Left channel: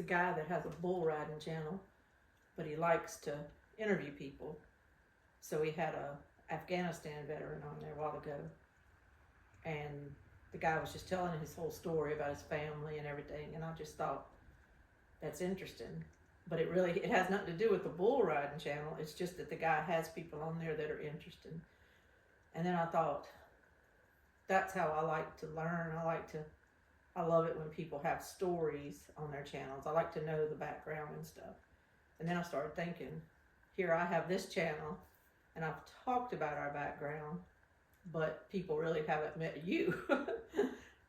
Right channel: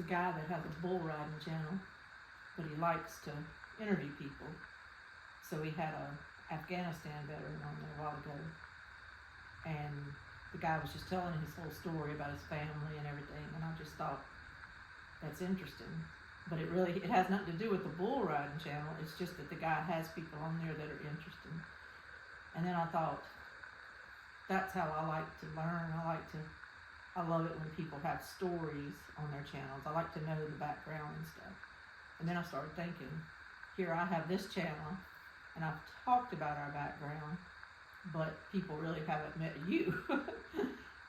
a guy that has a bull riding channel, but he likes to interview people. So he had a Afghanistan veteran on there a while ago, and the guy was just telling his whole story about his family and everything, and I just thought, that's interesting. But it has nothing to do with the bull riding channel. It's just that the guy has people on there that are interesting. And then I thought, that's how I like to learn. I love it when people have stories on their channels. I like to know the background and stuff. And then I started thinking, here I have this channel, and I've talked about our background, but people really haven't met you.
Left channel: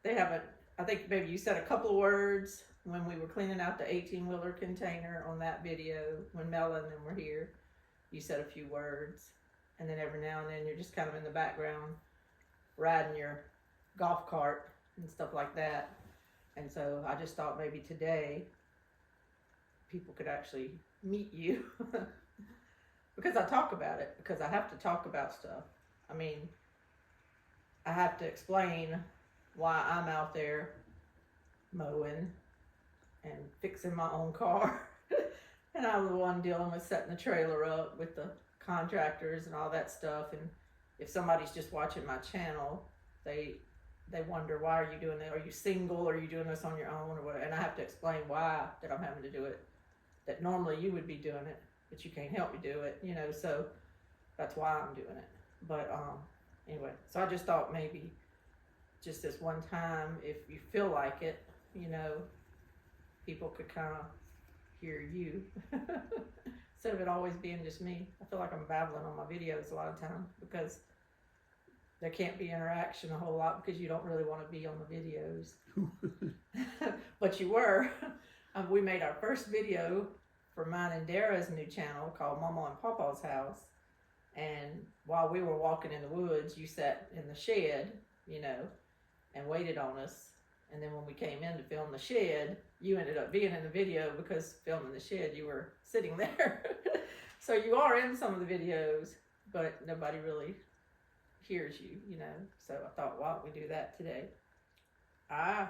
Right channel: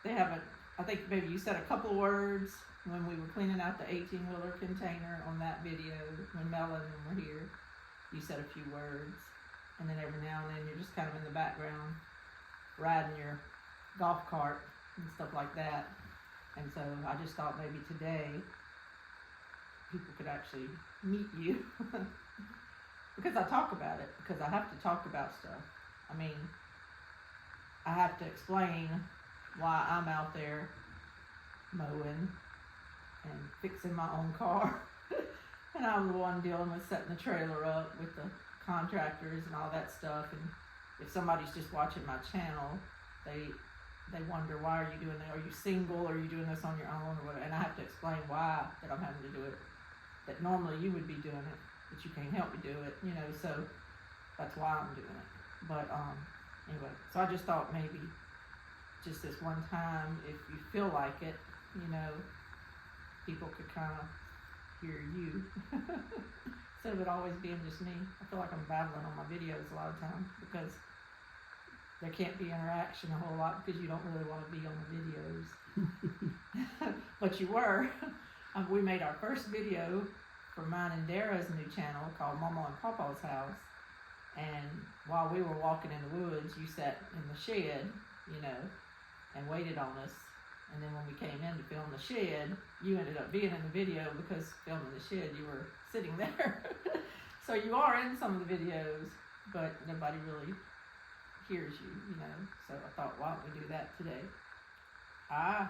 They haven't, I think maybe you said a couple words when we were cleaning out the 18-wheeler container on that video, when Mel and them were here. You said a few words, and then every now and then you're just kind of in the background riding your golf cart and stuff like that. And so I just thought maybe today people could actually meet you because I talk about it, because I have to talk about stuff. I mean, I have to explain why I'm out there mowing and fixing my own car. And I'm the one dealing with setting the trailer up with the contractors and all that stuff. And if somebody's just watching my channel, they wonder, why are you doing that? Are you single? Are you doing this on your own or whatever? And I have to explain why that I'm having to do it. That normally you would be doing it, but you can't help me do it, you know, so that's why I'm doing it. But anyway, so I just thought maybe just this one time, if you feel like it, you know, people could kind of hear you. Instead of it always being just me. I feel like I'm babbling on my videos a lot of times because there can't be interaction a whole lot because you don't really want to be on the videos. But you were. We made our first video for mine and Dara's new channel called Mama and Papa's House. And while we were walking in the woods, you sat in the shed, you know, and waited on us. And then when we came in to film the shed, you ended up being in the video because filming the shed, you were sitting there. So you are in some of the videos, but nobody really hears you, you know. So I thought, why don't we do that today? I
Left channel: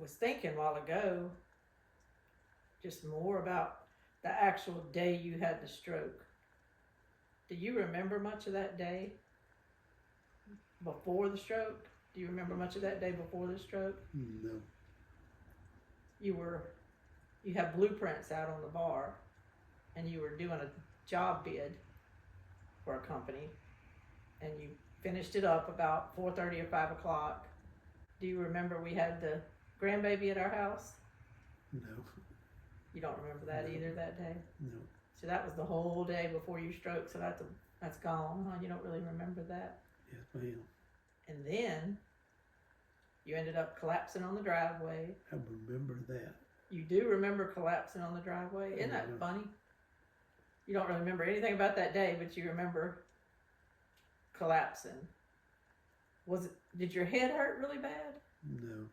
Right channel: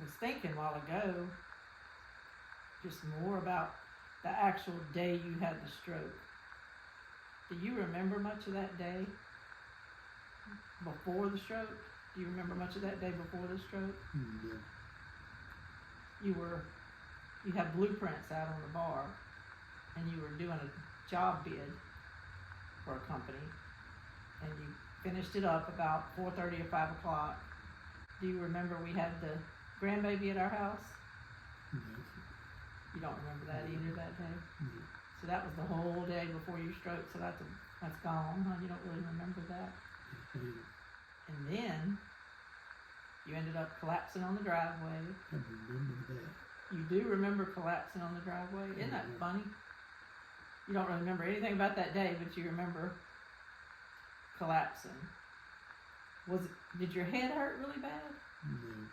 was thinking a while ago just more about the actual day you had the stroke. Do you remember much of that day before the stroke? Do you remember much of that day before the stroke? No. You had blueprints out on the bar, and you were doing a job bid for a company, and you finished it up about 4:30 or 5 o'clock. Do you remember we had the grandbaby at our house? No. You don't remember that either that day? No. So that was the whole day before your stroke, so that's gone, huh? You don't really remember that? Yes, And then you ended up collapsing on the driveway. I remember that. You do remember collapsing on the driveway? Isn't that funny? You don't really remember anything about that day, but you remember collapsing. Did your head hurt really bad? No.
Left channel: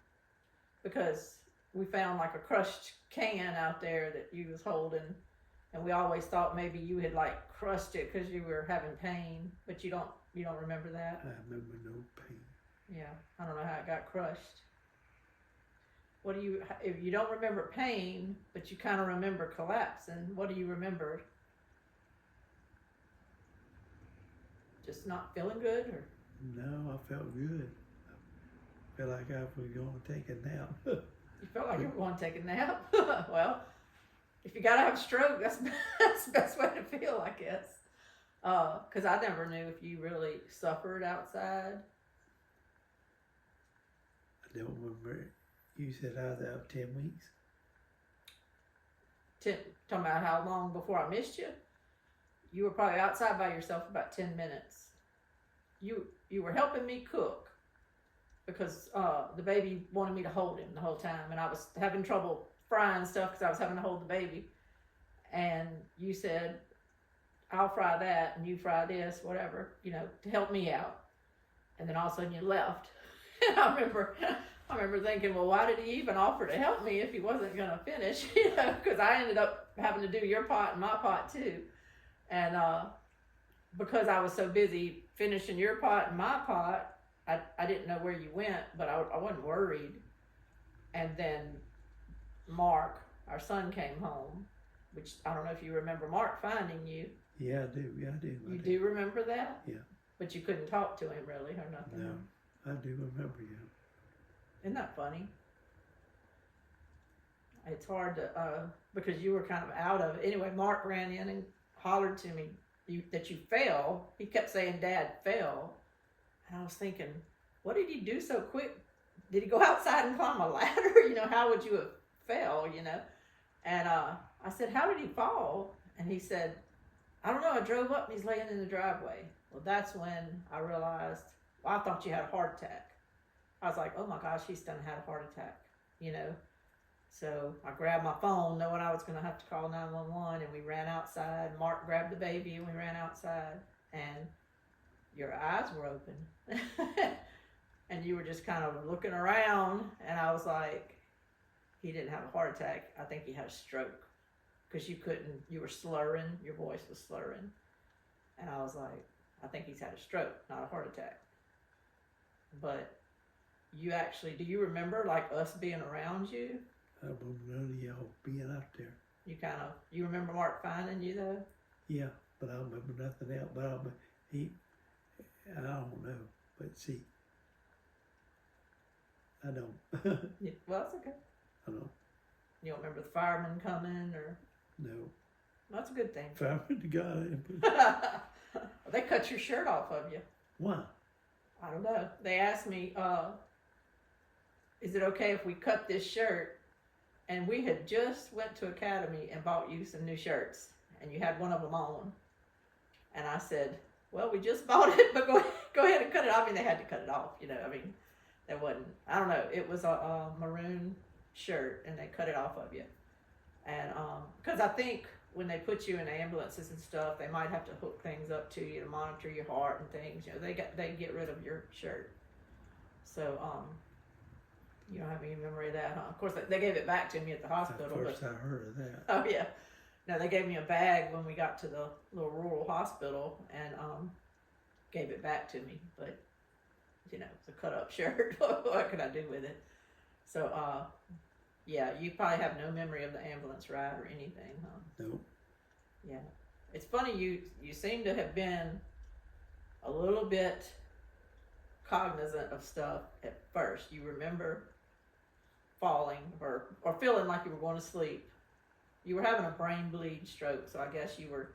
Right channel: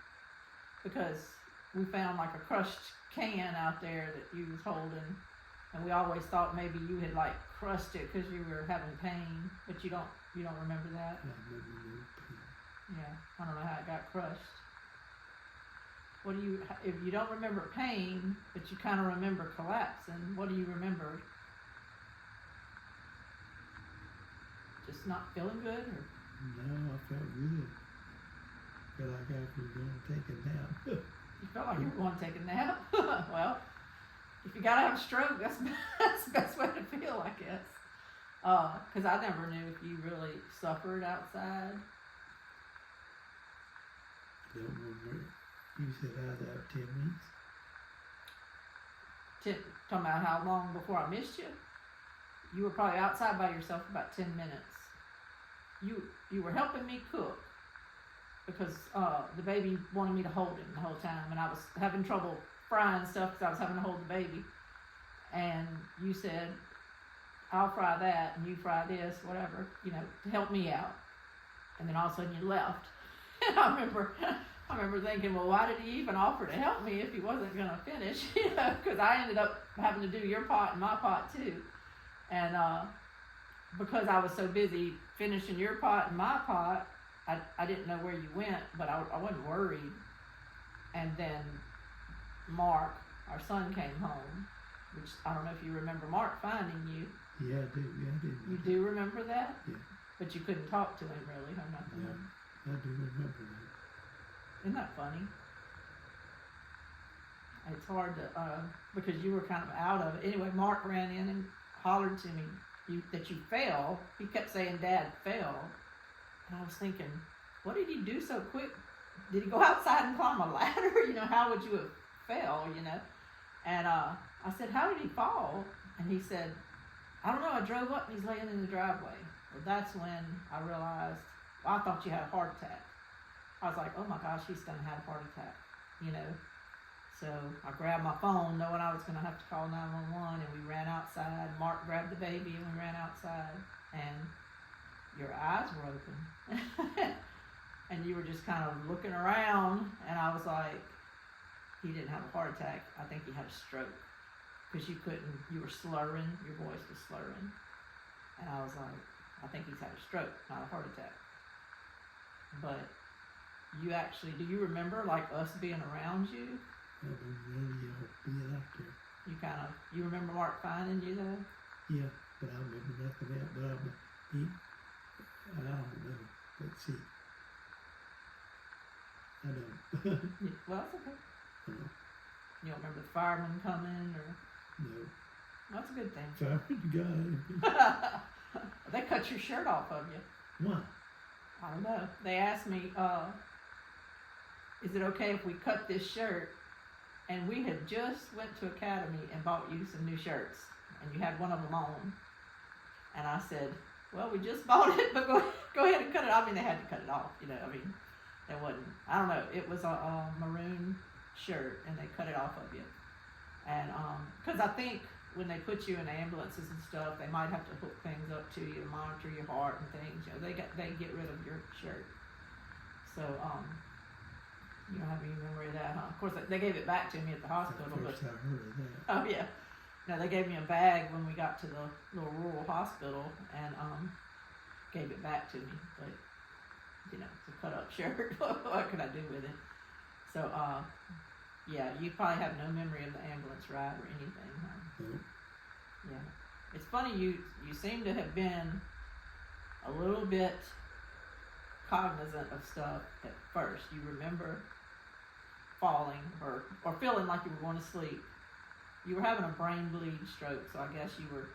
Because we found like a crushed can out there that you was holding, and we always thought maybe you had like crushed it because you were having pain, but you don't remember that? I remember no pain. Yeah, I don't know how it got crushed. If you don't remember pain, but you kind of remember collapsing, what do you remember? Just not feeling good? Or? No, I felt good. Felt like I was going to take a nap. You felt like you were going to take a nap? Well, if you got to have a stroke, that's the best way to feel, I guess. Because I never knew if you really suffered outside. I don't remember. You said I was out 10 weeks. Talking about how long before I missed you? You were probably outside by yourself about 10 minutes. You were helping me cook because the baby wanted me to hold him the whole time, and I was having trouble frying stuff because I was having to hold the baby. And you said, I'll fry that and you fry this, whatever, you know, to help me out. And then all of a sudden you left. And I remember thinking, well, why did he even offer to help me if he wasn't going to finish? You know, because I ended up having to do your pot and my pot too. And because I was so busy finishing your pot and my pot, I didn't know where you went, but I wasn't worried. And then Mark, our son, came home, which I don't know if you remember Mark finding you. Yeah, I do. Yeah, I do. You do remember that? Yeah. But you couldn't talk to him really or nothing. No. I do remember that. Isn't that funny? It's hard to, because you were kind of out of it. Anyway, Mark ran in and hollered to me that you fell. He kept saying, Dad fell. And I was thinking, what did he do so quick? Did he go outside and climb a ladder? How would you have fell, And I said, how did he fall? And he said, I don't know, I drove up and he's laying in the driveway. Well, that's when I realized, I thought you had a heart attack. I was like, oh my gosh, he's done had a heart attack, So I grabbed my phone knowing I was going to have to call 911, and we ran outside. Mark grabbed the baby and we ran outside, and your eyes were open. And you were just kind of looking around, and I was like, he didn't have a heart attack. I think he had a stroke, because you were slurring, your voice was slurring. And I was like, I think he's had a stroke, not a heart attack. But you actually, do you remember like us being around you? I don't remember y'all being out there. You remember Mark finding you though? Yeah, but I remember nothing else. But I don't know. Let's see. I don't. Yeah, well, that's okay. I don't. You don't remember the firemen coming or? No. That's a good thing. Fireman the guy. They cut your shirt off of you. Why? I don't know. They asked me, is it okay if we cut this shirt? And we had just went to Academy and bought you some new shirts, and you had one of them on. And I said, well, we just bought it, but go ahead and cut it off. I mean, they had to cut it off, there wasn't, I don't know, it was a maroon shirt, and they cut it off of you. And, because I think when they put you in ambulances and stuff, they might have to hook things up to you to monitor your heart and things. They get rid of your shirt. So, you don't have any memory of that, huh? Of course, they gave it back to me at the hospital. That's the first I heard of that. Oh yeah. No, they gave me a bag when we got to the little rural hospital and gave it back to me. But it's a cut up shirt. What could I do with it? So, yeah, you probably have no memory of the ambulance ride or anything, huh? Nope. Yeah. It's funny, you seem to have been a little bit cognizant of stuff at first. You remember falling or feeling like you were going to sleep. You were having a brain bleed stroke, so I guess you were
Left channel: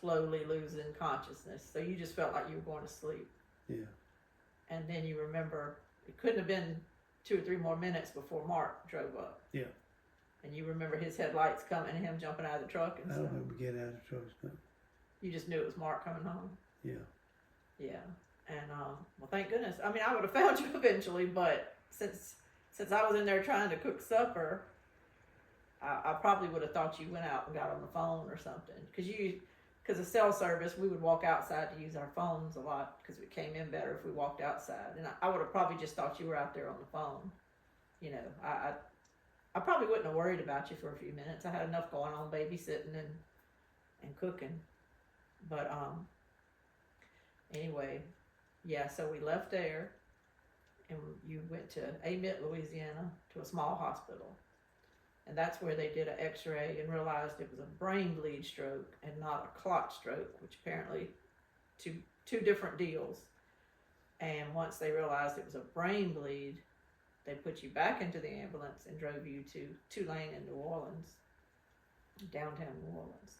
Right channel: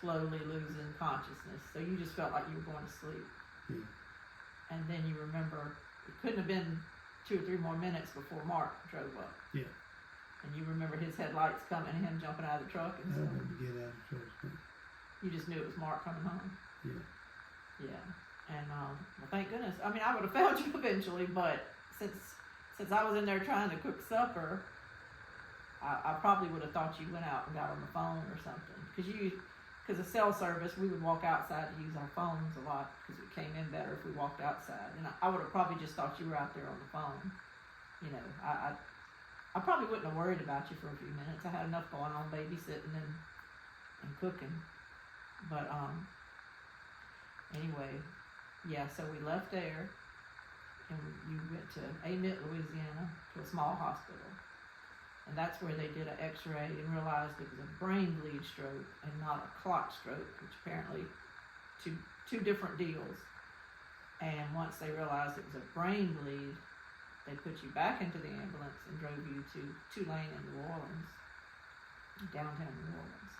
slowly losing consciousness. So you just felt like you were going to sleep. Yeah. And then you remember, it couldn't have been 2 or 3 more minutes before Mark drove up. Yeah. And you remember his headlights coming and him jumping out of the truck and I stuff. remember getting out of the truck. You just knew it was Mark coming home. Yeah. Yeah. And well, thank goodness. I mean, I would have found you eventually, but since I was in there trying to cook supper, I probably would have thought you went out and got on the phone or something. Because of cell service, we would walk outside to use our phones a lot because it came in better if we walked outside. And I would have probably just thought you were out there on the phone. I probably wouldn't have worried about you for a few minutes. I had enough going on, babysitting and cooking. But anyway, yeah. So we left there, and you went to Amite, Louisiana, to a small hospital. And that's where they did an x-ray and realized it was a brain bleed stroke and not a clot stroke, which apparently two different deals. And once they realized it was a brain bleed, they put you back into the ambulance and drove you to Tulane in New Orleans, downtown New Orleans.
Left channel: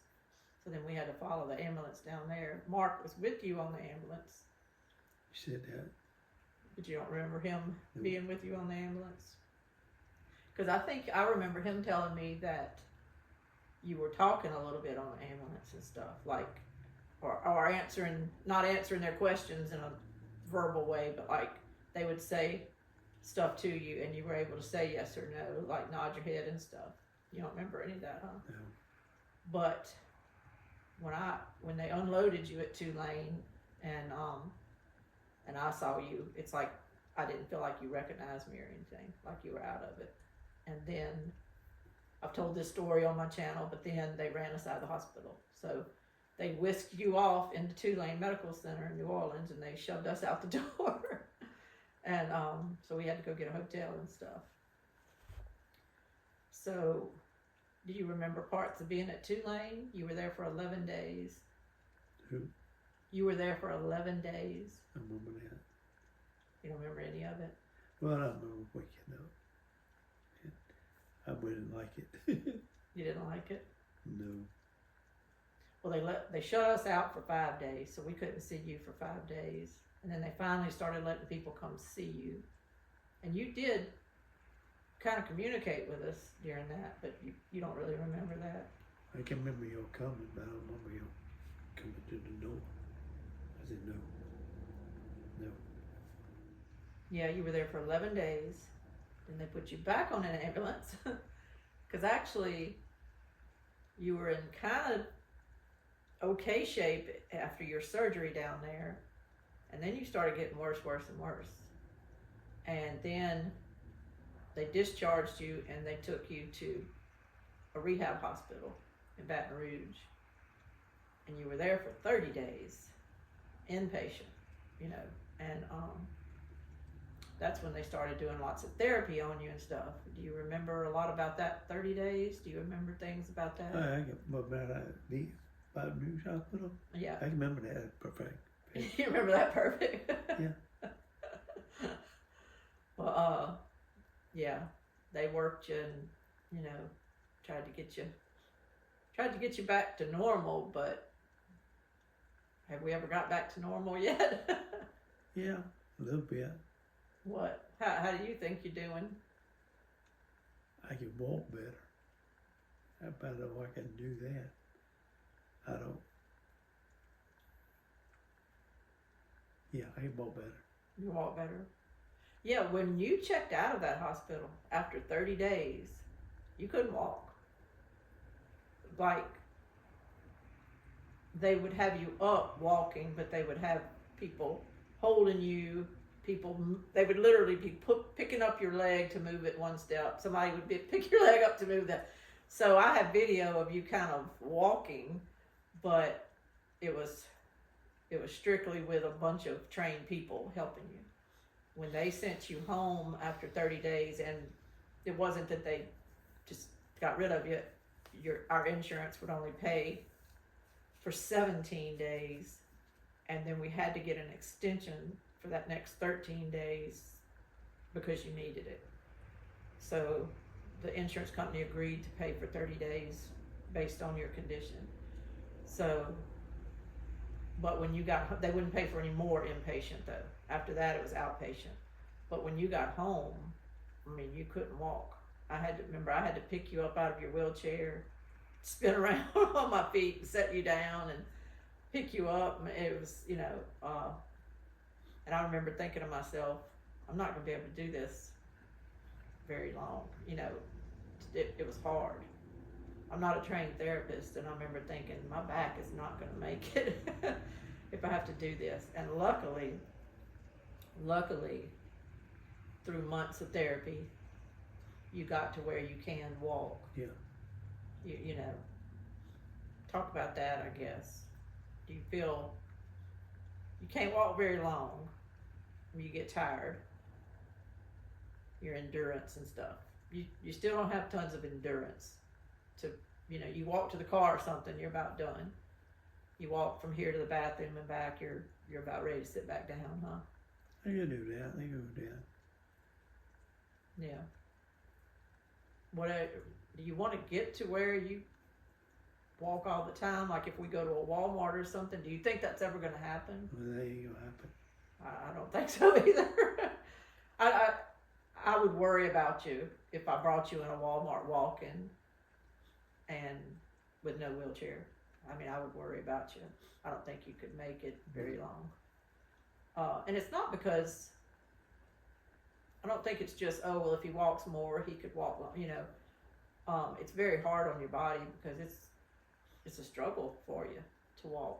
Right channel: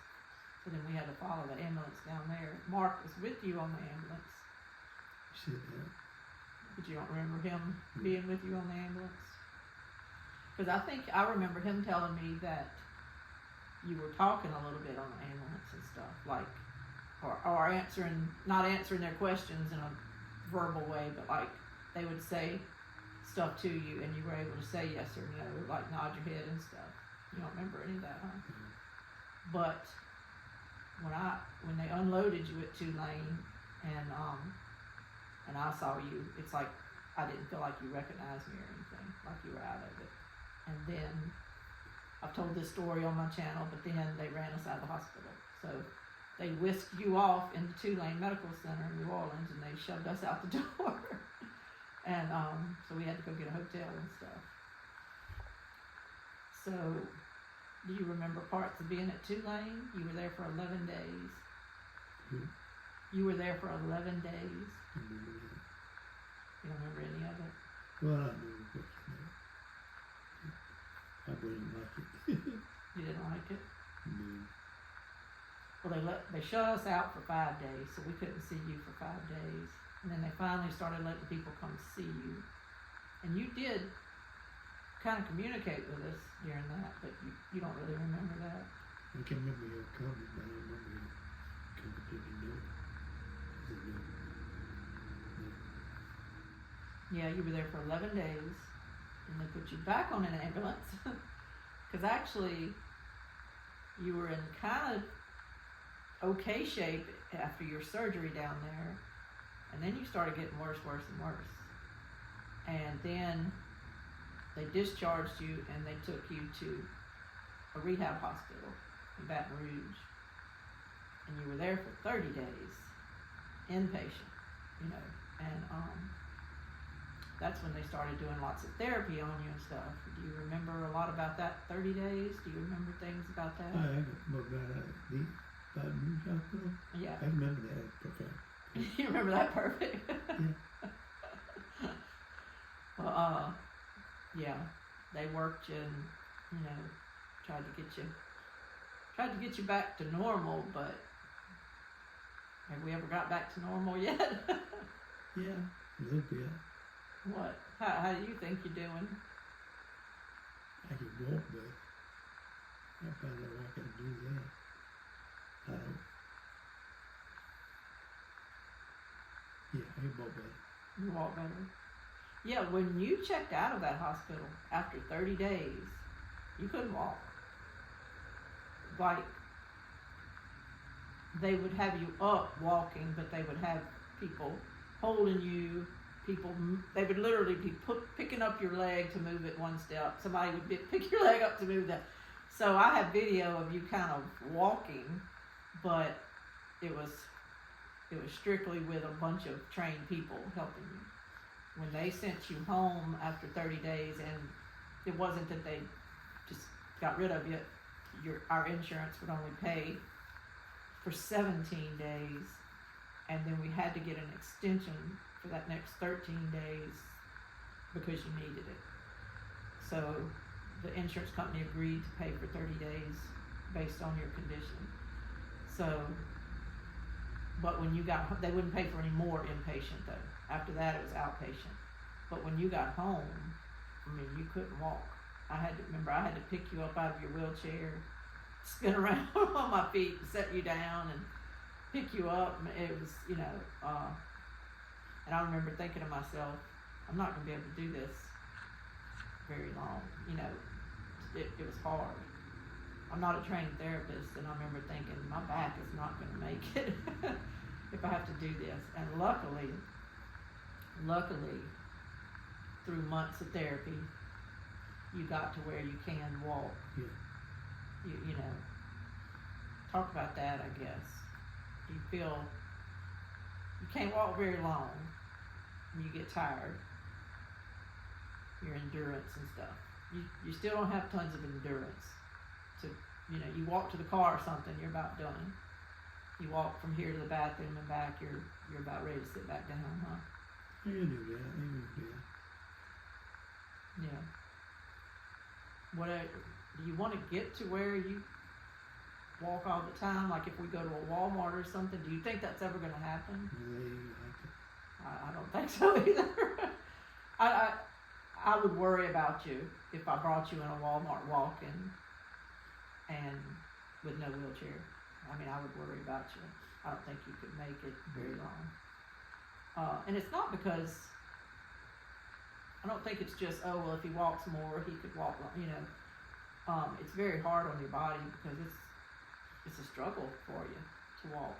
So then we had to follow the ambulance down there. Mark was with you on the ambulance. You said that. But you don't remember him being with you on the ambulance? Because I think I remember him telling me that you were talking a little bit on the ambulance and stuff, like, or not answering their questions in a verbal way, but like they would say stuff to you and you were able to say yes or no, like nod your head and stuff. You don't remember any of that, huh? No. But when they unloaded you at Tulane and I saw you, it's like I didn't feel like you recognized me or anything, like you were out of it. And then I've told this story on my channel, but then they ran us out of the hospital. So they whisked you off into Tulane Medical Center in New Orleans, and they shoved us out the door. And so we had to go get a hotel and stuff. So, do you remember parts of being at Tulane? You were there for 11 days. Who? You were there for 11 days. I remember that. You don't remember any of it? Well, I don't know what you know. I wouldn't like it. You didn't like it? No. Well, they shut us out for 5 days, so we couldn't see you for 5 days. And then they finally started letting people come see you. And you did kind of communicate with us during that, but you don't really remember that. I can remember your comment, but I don't remember you coming to the door. I said no. No. Yeah, you were there for 11 days, and they put you back on an ambulance. Because actually, you were in kind of okay shape after your surgery down there, and then you started getting worse and worse. And then they discharged you, and they took you to a rehab hospital in Baton Rouge. And you were there for 30 days, inpatient, you know, and that's when they started doing lots of therapy on you and stuff. Do you remember a lot about that 30 days? Do you remember things about that? I got about the Baton Rouge Hospital. Yeah. I remember that perfect. You remember that perfect? Yeah. Well, yeah, they worked you and, you know, tried to get you back to normal, but have we ever got back to normal yet? Yeah, a little bit. What? How do you think you're doing? I can walk better. I found out I can do that. I don't. Yeah, I can walk better. You walk better? Yeah, when you checked out of that hospital after 30 days, you couldn't walk. Like, they would have you up walking, but they would have people holding you. They would literally be picking up your leg to move it one step. Somebody would pick your leg up to move that. So I have video of you kind of walking, but it was strictly with a bunch of trained people helping you. When they sent you home after 30 days, and it wasn't that they just got rid of you, our insurance would only pay for 17 days, and then we had to get an extension for that next 13 days because you needed it. So the insurance company agreed to pay for 30 days based on your condition. So, but when you they wouldn't pay for any more inpatient though. After that it was outpatient. But when you got home, I mean, you couldn't walk. I had to pick you up out of your wheelchair, spin around on my feet, and set you down and pick you up. It was, you know, and I remember thinking to myself, I'm not going to be able to do this very long. You know, it was hard. I'm not a trained therapist, and I remember thinking, my back is not going to make it if I have to do this. And luckily, through months of therapy, you got to where you can walk. Yeah. You know, talk about that, I guess. Do you feel you can't walk very long when you get tired? Your endurance and stuff. You still don't have tons of endurance. To, you know, you walk to the car or something, you're about done. You walk from here to the bathroom and back, you're about ready to sit back down, huh? You can do that. You can do that. Yeah. Do you want to get to where you walk all the time? Like if we go to a Walmart or something, do you think that's ever going to happen? There you go. I don't think so either. I would worry about you if I brought you in a Walmart walking and with no wheelchair. I mean, I would worry about you. I don't think you could make it very long. And it's not because, I don't think it's just, oh, well, if he walks more, he could walk, you know. It's very hard on your body because it's a struggle for you to walk,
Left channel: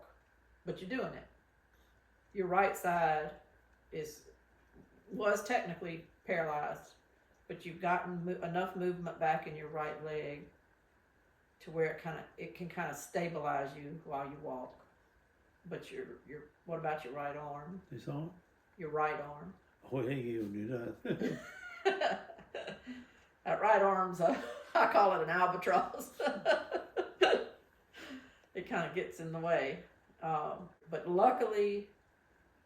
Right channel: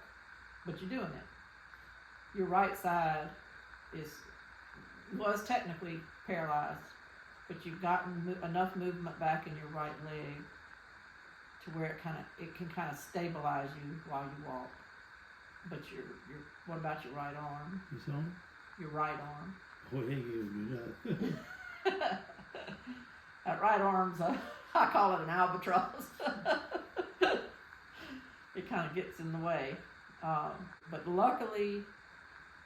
but you're doing it. Your right side was technically paralyzed, but you've gotten enough movement back in your right leg to where it can kind of stabilize you while you walk. But what about your right arm? It's on? Your right arm. Oh, hey, you do that. That right arm's I call it an albatross. It kind of gets in the way. But luckily,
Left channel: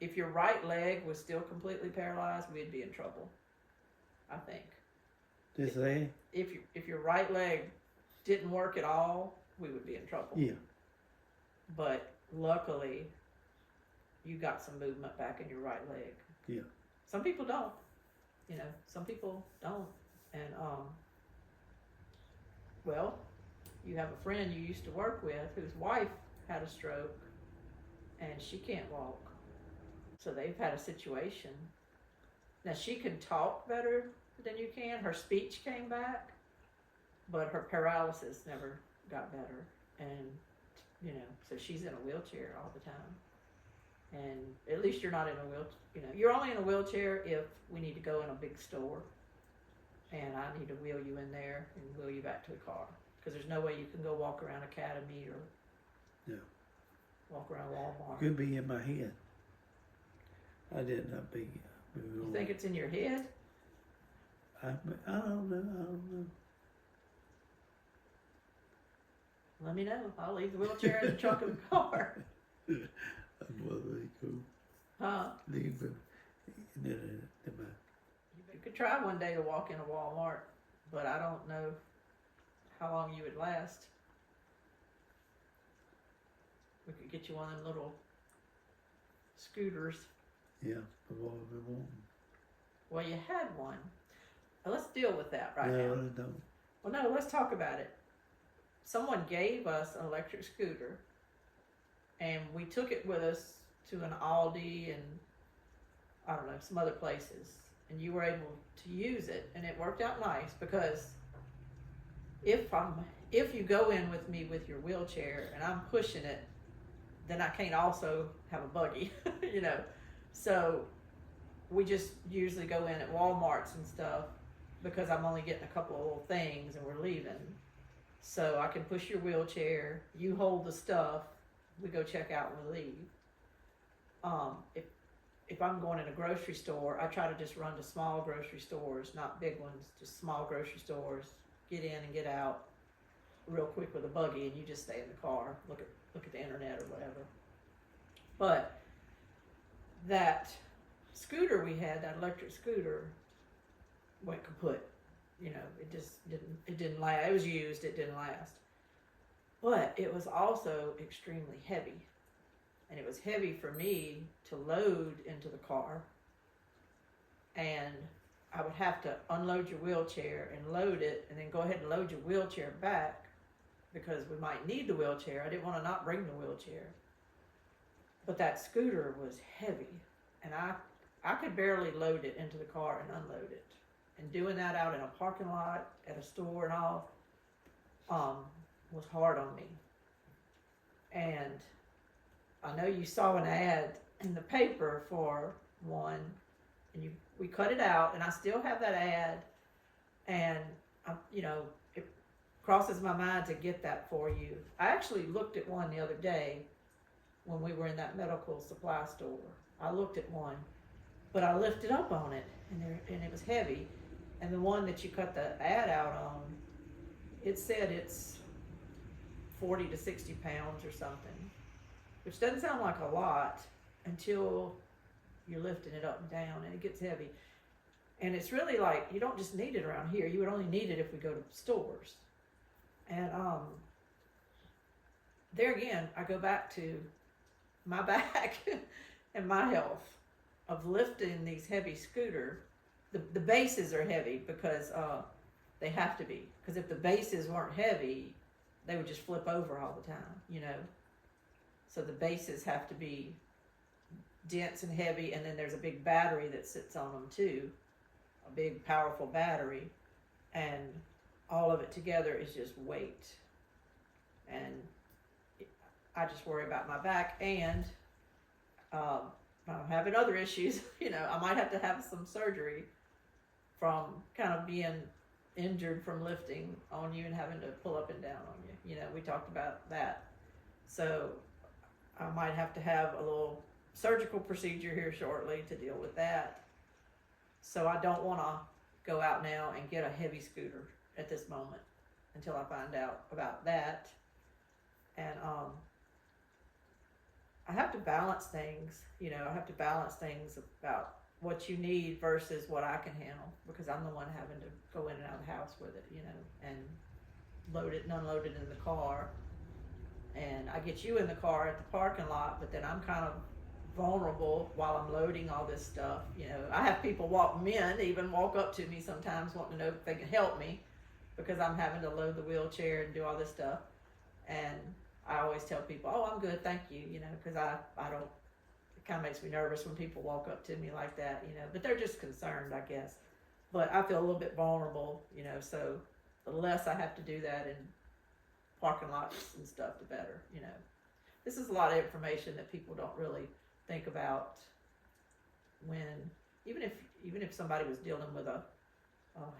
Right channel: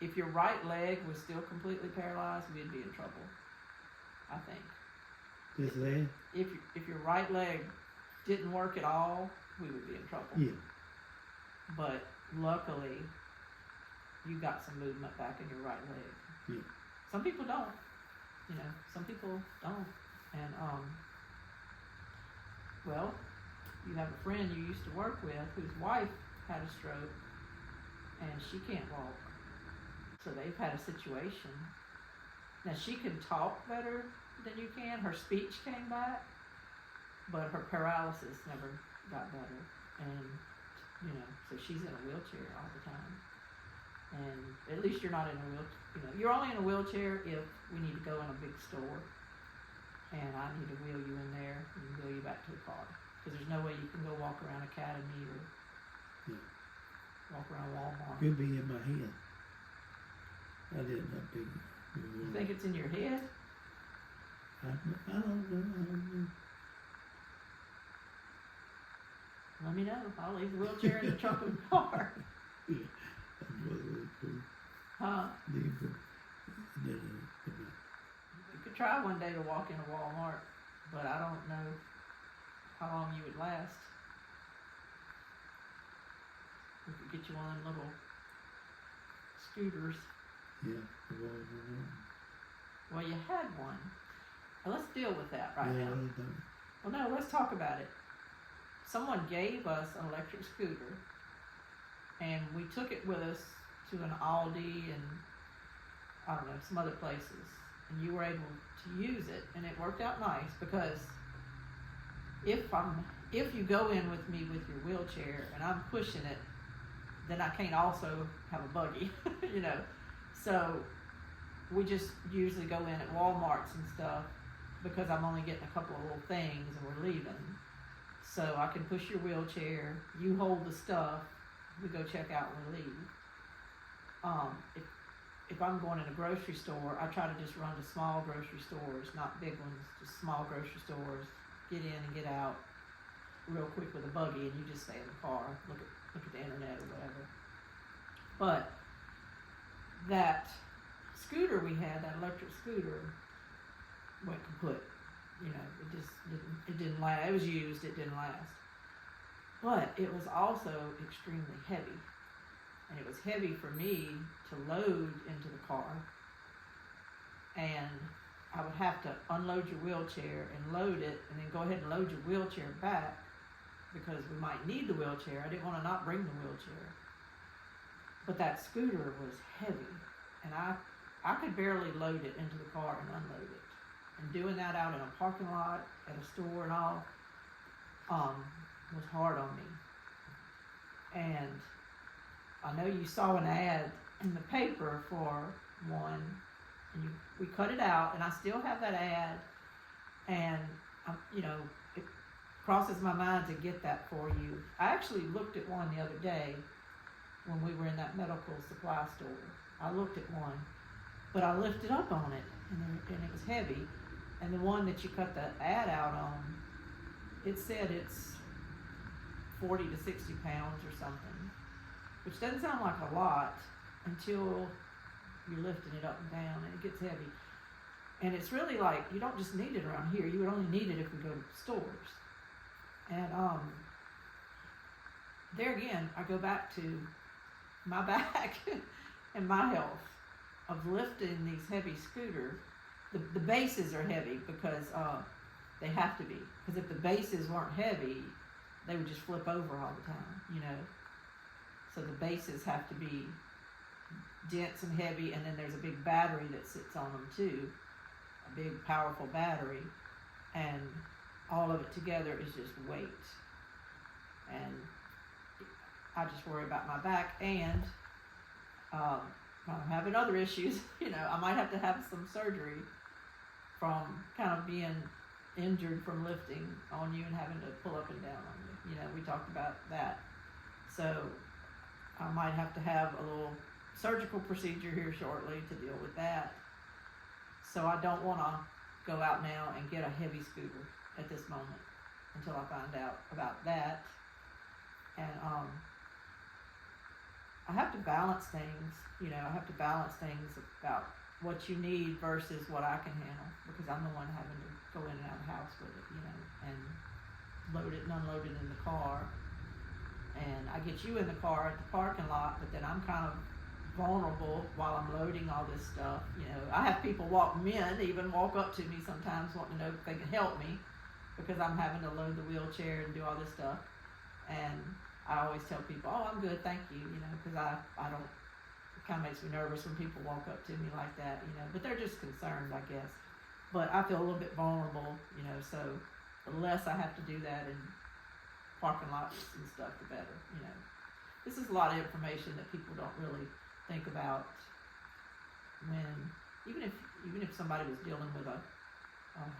if your right leg was still completely paralyzed, we'd be in trouble, I think. Just say, If your right leg didn't work at all, we would be in trouble. yeah, But luckily, you got some movement back in your right leg. yeah. Some people don't. You know, some people don't. And well, you have a friend you used to work with whose wife had a stroke and she can't walk. So they've had a situation. Now she can talk better than you can. Her speech came back, but her paralysis never got better. And, you know, so she's in a wheelchair all the time. And at least you're not in a wheelchair. You know, you're only in a wheelchair if we need to go in a big store and I need to wheel you in there and wheel you back to a car. Because there's no way you can go walk around Academy or walk around Walmart. Could be in my head. I did not be. You think it's in your head? I don't know. Let me know. I'll leave the wheelchair in the trunk of the car. That was really cool. Huh? You You could try one day to walk in a Walmart, but I don't know how long you would last. We could get you one of them little scooters. yeah, the walls were warm. Well, you had one. Well, let's deal with that right Yeah, I now. really don't. Well, no, let's talk about it. Someone gave us an electric scooter, and we took it with us to an Aldi and I don't know, some other places, and you were able to use it, and it worked out nice because if you go in with me with your wheelchair and I'm pushing it, then I can't also have a buggy, you know. So we just usually go in at Walmarts and stuff because I'm only getting a couple of little things and we're leaving. So I can push your wheelchair, you hold the stuff, we go check out and we leave. If I'm going in a grocery store, I try to just run to small grocery stores, not big ones, just small grocery stores, get in and get out real quick with a buggy, and you just stay in the car, look at the internet or whatever. But that scooter we had, that electric scooter, went kaput. You know, it didn't last. It was used, it didn't last. But it was also extremely heavy. And it was heavy for me to load into the car. And I would have to unload your wheelchair and load it, and then go ahead and load your wheelchair back because we might need the wheelchair. I didn't want to not bring the wheelchair. But that scooter was heavy, and I could barely load it into the car and unload it. And doing that out in a parking lot, at a store and all, was hard on me. And I know you saw an ad in the paper for one, and we cut it out, and I still have that ad, and you know, it crosses my mind to get that for you. I actually looked at one the other day when we were in that medical supply store. I looked at one, but I lifted up on it, and it was heavy. And the one that you cut the ad out on, it said it's 40 to 60 pounds or something, which doesn't sound like a lot until you're lifting it up and down, and it gets heavy. And it's really like, you don't just need it around here. You would only need it if we go to stores. And there again, I go back to my back and my health of lifting these heavy scooters. The bases are heavy because they have to be. Because if the bases weren't heavy, they would just flip over all the time, you know. So the bases have to be dense and heavy, and then there's a big battery that sits on them too, a big powerful battery, and all of it together is just weight. And I just worry about my back, and I'm having other issues. You know, I might have to have some surgery from kind of being injured from lifting on you and having to pull up and down on you. You know, we talked about that. So I might have to have a little surgical procedure here shortly to deal with that. So I don't want to go out now and get a heavy scooter at this moment. until I find out about that. And I have to balance things, you know, I have to balance things about what you need versus what I can handle, because I'm the one having to go in and out of the house with it, you know, and load it and unload it in the car. And I get you in the car at the parking lot, but then I'm kind of vulnerable while I'm loading all this stuff. You know, I have people even walk up to me sometimes wanting to know if they can help me, because I'm having to load the wheelchair and do all this stuff. And I always tell people, oh, I'm good, thank you, you know, because I don't, it kind of makes me nervous when people walk up to me like that, you know, but they're just concerned, I guess. But I feel a little bit vulnerable, you know, so the less I have to do that in parking lots and stuff, the better, you know. This is a lot of information that people don't really think about when, even if somebody was dealing with a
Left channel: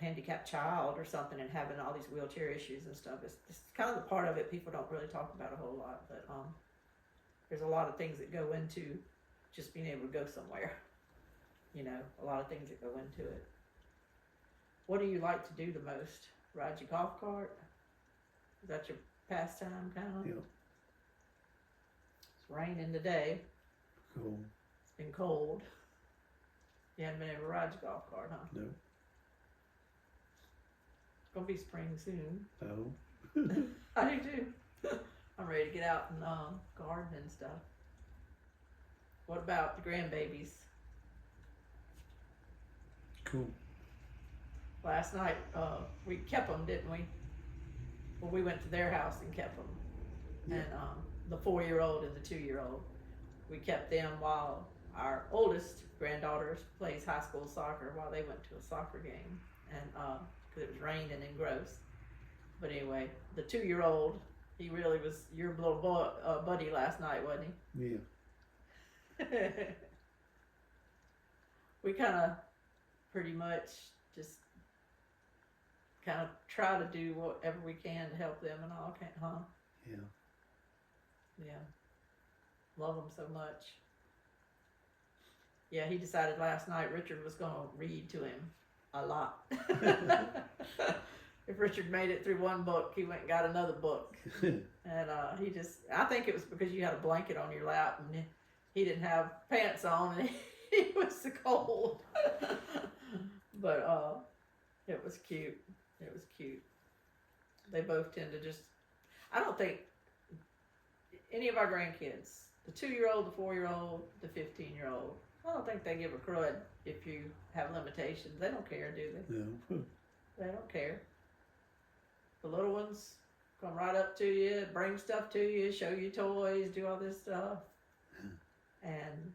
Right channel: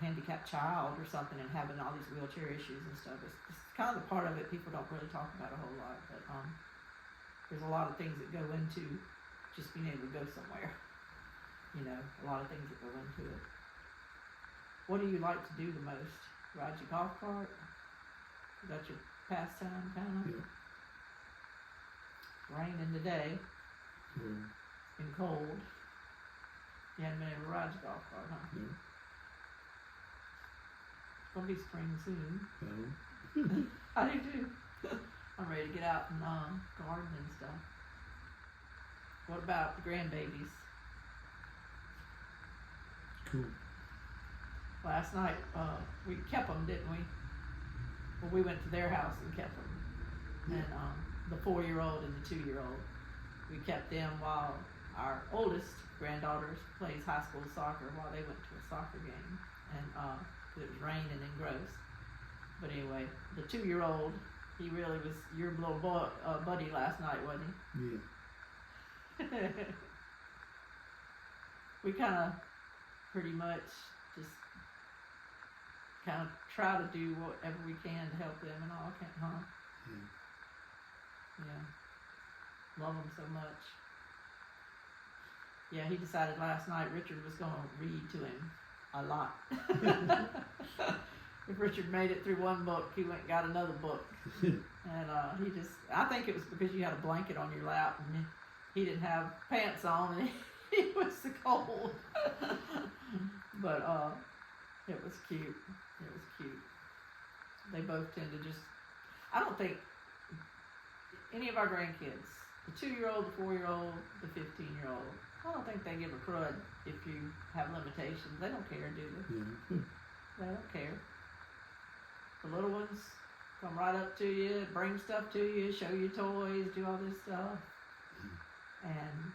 handicapped child or something and having all these wheelchair issues and stuff. It's kind of the part of it people don't really talk about a whole lot, but there's a lot of things that go into just being able to go somewhere. You know, a lot of things that go into it. What do you like to do the most? Ride your golf cart? Is that your pastime kind of? Yeah. It's raining today. Cool. It's been cold. You haven't been able to ride your golf cart, huh? No. It's gonna be spring soon. Oh. I do too. I'm ready to get out and garden and stuff. What about the grandbabies? Cool. Last night we kept them, didn't we? Well, we went to their house and kept them. Yeah. And the 4-year-old and the 2-year-old, we kept them while our oldest granddaughter plays high school soccer while they went to a soccer game. And 'cause it was raining and gross. But anyway, the 2-year-old, he really was your little buddy last night, wasn't Yeah. he? We kind of pretty much just kind of try to do whatever we can to help them and all, can't, huh? Yeah. Yeah. Love them so much. Yeah, he decided last night Richard was going to read to him a lot. If Richard made it through one book, he went and got another book. And I think it was because you had a blanket on your lap and he didn't have pants on and he was so cold. But it was cute. It was cute. They both tend to just, I don't think any of our grandkids, the 2-year-old, the 4-year-old, the 15-year-old, I don't think they give a crud if you have limitations. They don't care, do they? Yeah. They don't care. The little ones come right up to you, bring stuff to you, show you toys, do all this stuff. And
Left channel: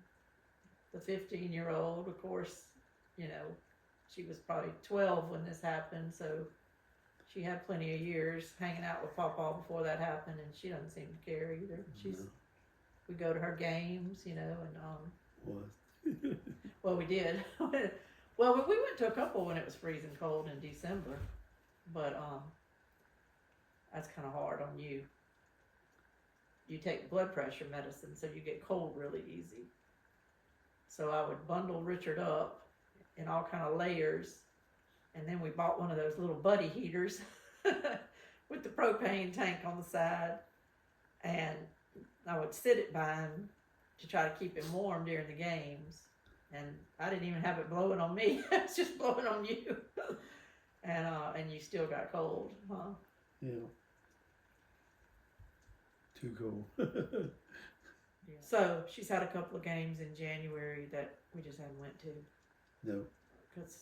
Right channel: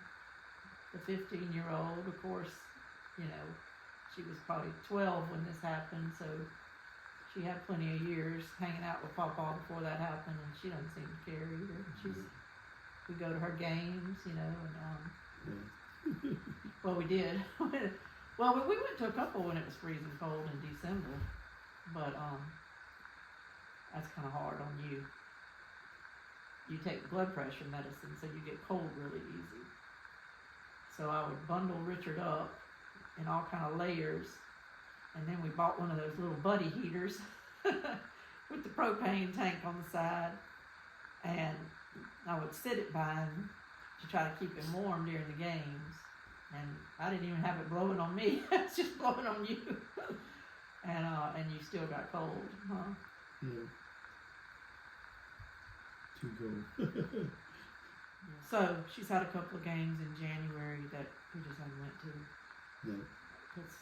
the 15-year-old, of course, you know, she was probably 12 when this happened, so she had plenty of years hanging out with Pawpaw before that happened, and she doesn't seem to care either. We go to her games, you know, and well, we did. Well, we went to a couple when it was freezing cold in December, but that's kind of hard on you. You take blood pressure medicine, so you get cold really easy. So I would bundle Richard up in all kind of layers, and then we bought one of those little buddy heaters with the propane tank on the side, and I would sit it by him to try to keep him warm during the games. And I didn't even have it blowing on me; it's just blowing on you. And you still got cold, huh? Yeah. Too cold. So she's had a couple of games in January that we just haven't went to. No. It's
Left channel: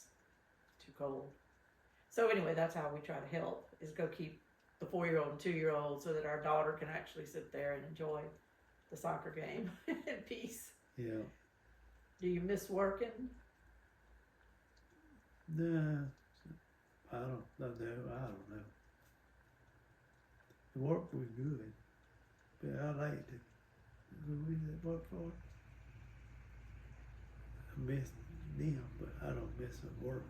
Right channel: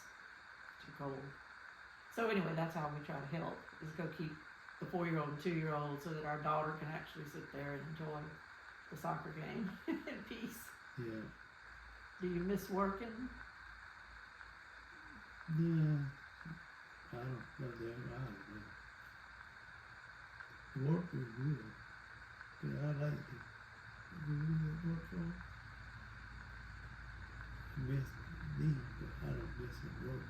too cold. So anyway, that's how we try to help, is go keep the 4-year-old and 2-year-old so that our daughter can actually sit there and enjoy the soccer game in peace. Yeah. Do you miss working? Nah. I don't know. The work was good. But I liked it. We really work for it. I miss them, but I don't miss the work.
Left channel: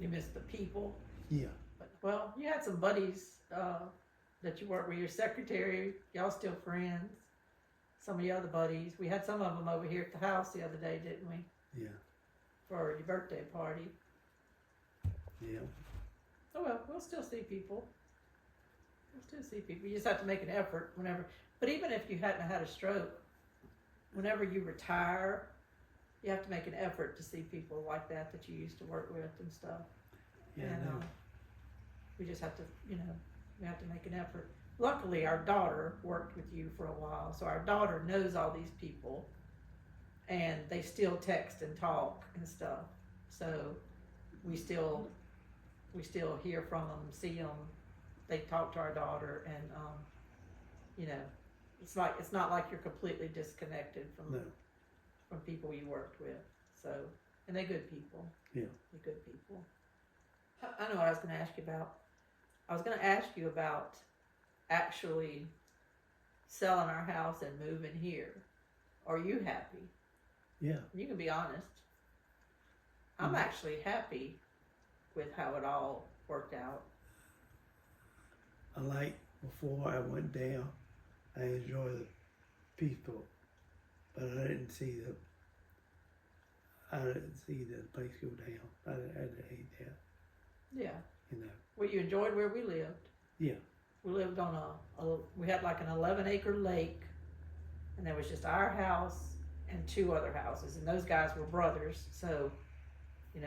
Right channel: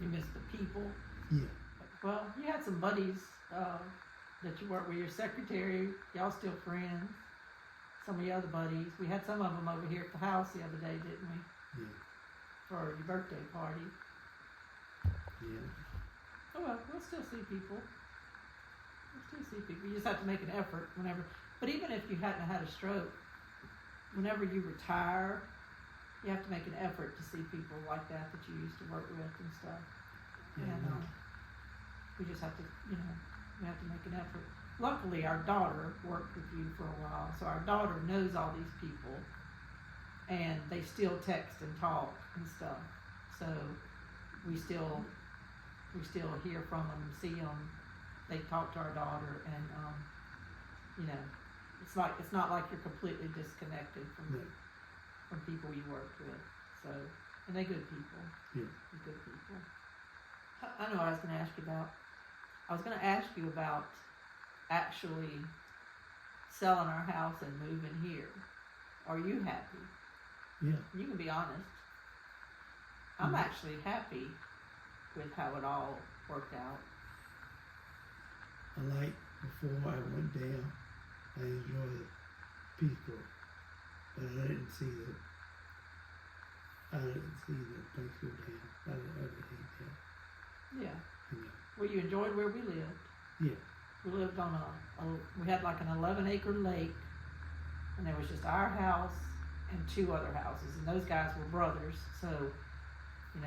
You miss the people? Yeah. Well, you had some buddies that you worked with, your secretary, y'all still friends. Some of your other buddies. We had some of them over here at the house the other day, didn't we? Yeah. For your birthday party. Yeah. Oh well, we'll still see people. still see people. You just have to make an effort whenever. But even if you hadn't had a stroke, whenever you retire, you have to make an effort to see people like that you used to work with and stuff. Yeah, And no. we just have to, we have to make an effort. Luckily, our daughter worked with you for a while, so our daughter knows all these people, and they still text and talk and stuff. So we still hear from them, see them. They talk to our daughter, and it's not like you're completely disconnected from No. from people you worked with. So, and they're good people. Yeah. They're good people. I know what I was going to ask you about. I was going to ask you about actually selling our house and moving here. Are you happy? Yeah. You can be honest. I'm Mhm. actually happy with how it all worked out. I like before I went down, I enjoyed the people, but I didn't see the place go down. I hate that. Yeah. You know. Well, you enjoyed where we lived. Yeah. We lived on we had like an 11-acre lake, and there was just our house and 2 other houses, and those guys were brothers, so, it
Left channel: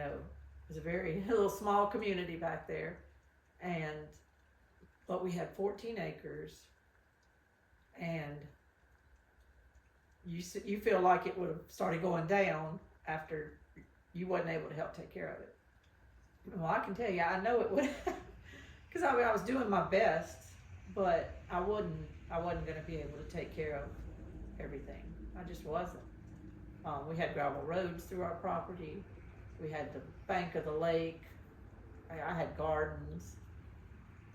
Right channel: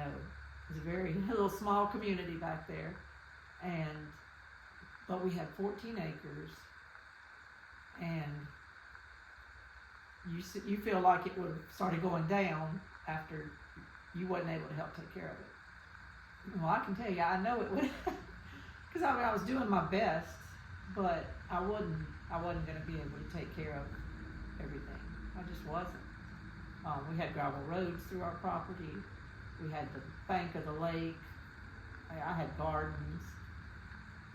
was a very little small community back there, but we had 14 acres, and you feel like it would have started going down after you wasn't able to help take care of it. Well, I can tell you, I know it would, because I was doing my best, but I wasn't going to be able to take care of everything. I just wasn't. We had gravel roads through our property. We had the bank of the lake. I had gardens.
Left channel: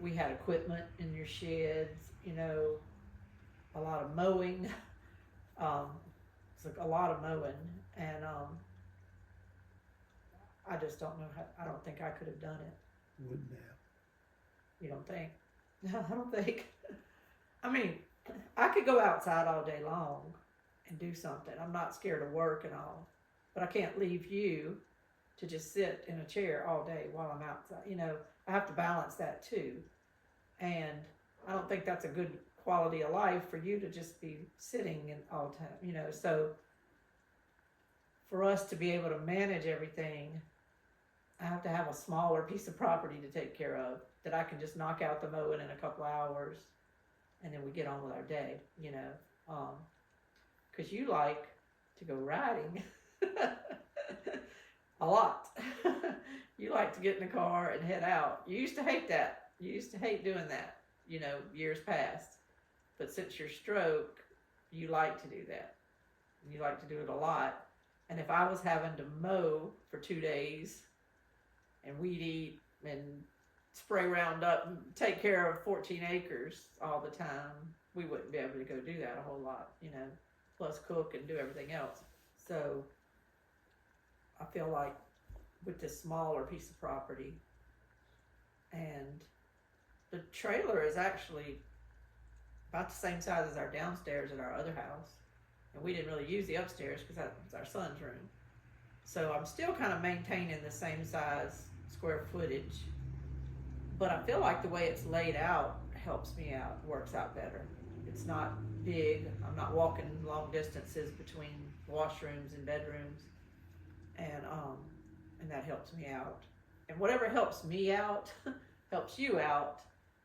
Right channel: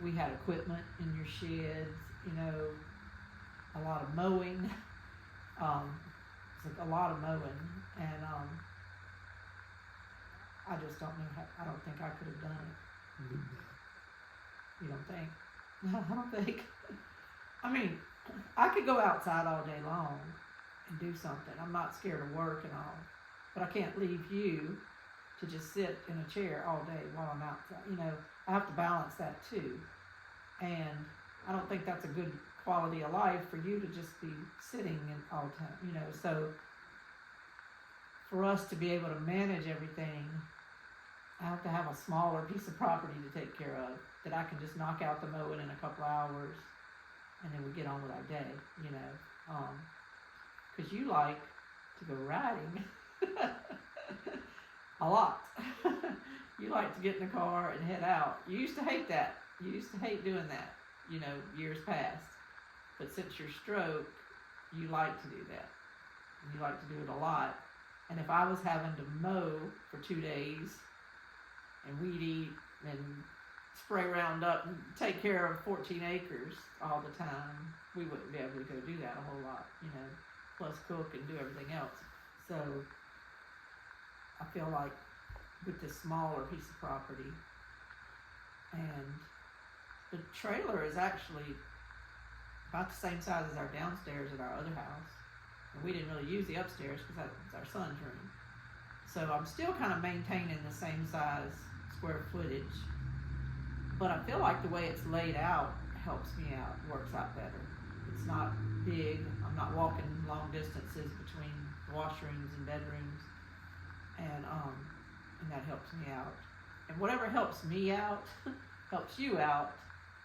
We had equipment in your sheds, a lot of mowing. A lot of mowing, and I just don't know I don't think I could have done it. Wouldn't have. You don't think? No, I don't think. I mean, I could go outside all day long and do something. I'm not scared of work and all, but I can't leave you to just sit in a chair all day while I'm outside. I have to balance that too, and I don't think that's a good quality of life for you to just be sitting in all the time. So for us to be able to manage everything, I have to have a smaller piece of property to take care of that I can just knock out the mowing in a couple of hours, and then we get on with our day, because you like to go riding a lot. You like to get in the car and head out. You used to hate that. You used to hate doing that, years past. But since your stroke, you like to do that. You like to do it a lot. And if I was having to mow for 2 days and weed eat and spray Roundup and take care of 14 acres all the time, we wouldn't be able to go do that a whole lot, plus cook and do everything else. So I feel like with this smaller piece of property, and the trailer is actually about the same size as our downstairs at our other house. And we didn't really use the upstairs because that's our son's room. So I'm still kind of maintaining the same size square footage. But I feel like the way it's laid out helps me out, works out better. It's not big. I'm not walking long distances between washrooms and bedrooms. And that helps me out. And whatever helps me out helps you out,